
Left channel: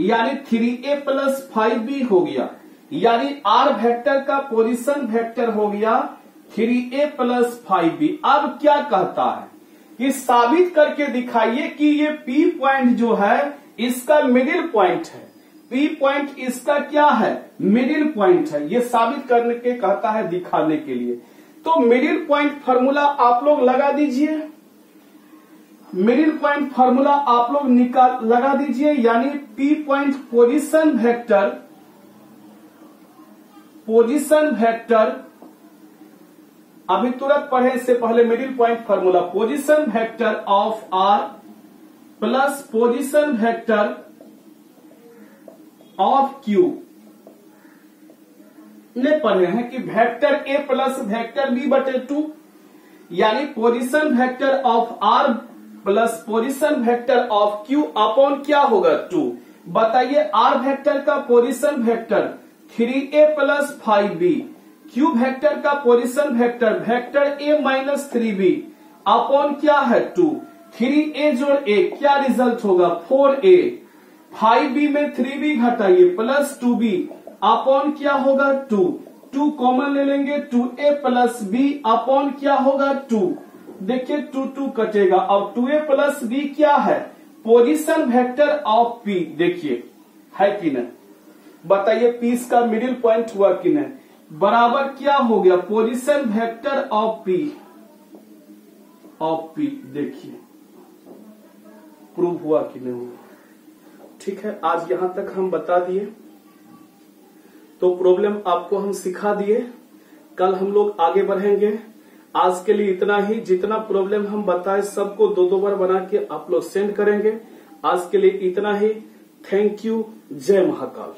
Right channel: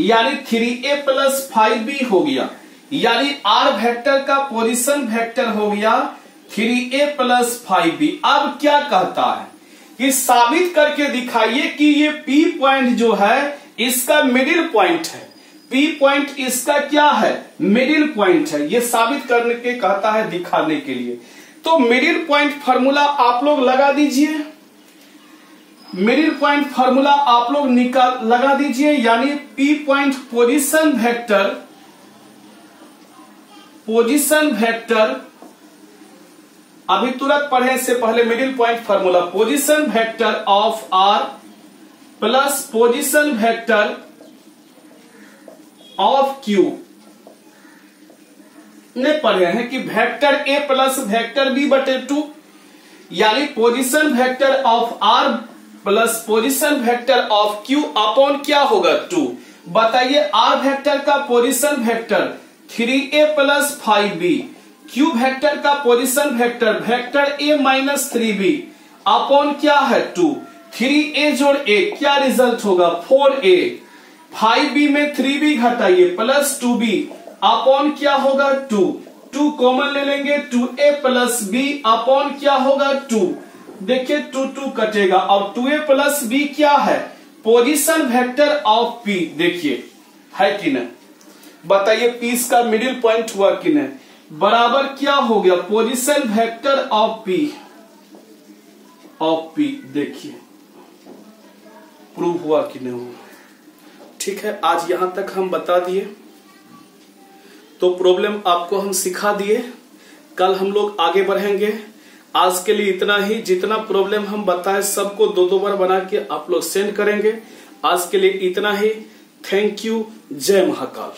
यानी 3a प्लस 5b हो गया, यानी r वेक्टर का पोजीशन वेक्टर हो गया 3a प्लस 5b। अब क्या कहता है कि साबित करके दिखाइए कि ये P पॉइंट जो है इसका मिडिल पॉइंट है। P पॉइंट इसका क्या है? मिडिल पॉइंट है। ये साबित करने के कहता है, दिखाने के लिए। तो मिडिल पॉइंट फॉर्मूला आप लोग लगा दीजिए, मिडिल पॉइंट फॉर्मूला आप लोग लगा दीजिए, यानी P पॉइंट पोजीशन वेक्टर अभी तुरंत पढ़े, इससे पहले middle point formula position vector of r plus position vector of q ने पढ़े हैं कि vector a plus vector b बटे 2, यानी position vector of r plus position vector of q upon क्या होगा? 2। बताइए r वेक्टर का position vector 3a plus 5b, q vector का position vector vector a minus 3b upon क्या है? 2। 3a जोड़ a क्या रिजल्ट होगा? 4a। 5b में 3b घटाइए प्लस 2b अपॉन क्या होगा? 2। 2 कॉमन ले लेंगे, 2a प्लस b अपॉन क्या होगा? 2। देखिए 2 कटेगा। अब 2a प्लस b क्या है? Position vector of p। देखिए है कि नहीं? बताइए p इसका मिडिल पॉइंट हुआ कि नहीं? बराबर क्या हो गया? Position vector of p। देखिए प्रूव हुआ कि नहीं हुआ? ठीक है, आज यहां तक हम बता दिए, तो प्रॉब्लम आपको हम सिखा दिए। कल हम लोग आगे बढ़ेंगे। आज के लिए इतना ही। जितना प्रॉब्लम हम बताए सबको 2-2 बार बना के आप लोग सेंड करेंगे। आज के लिए इतना ही। Thank you. जय महाकाल।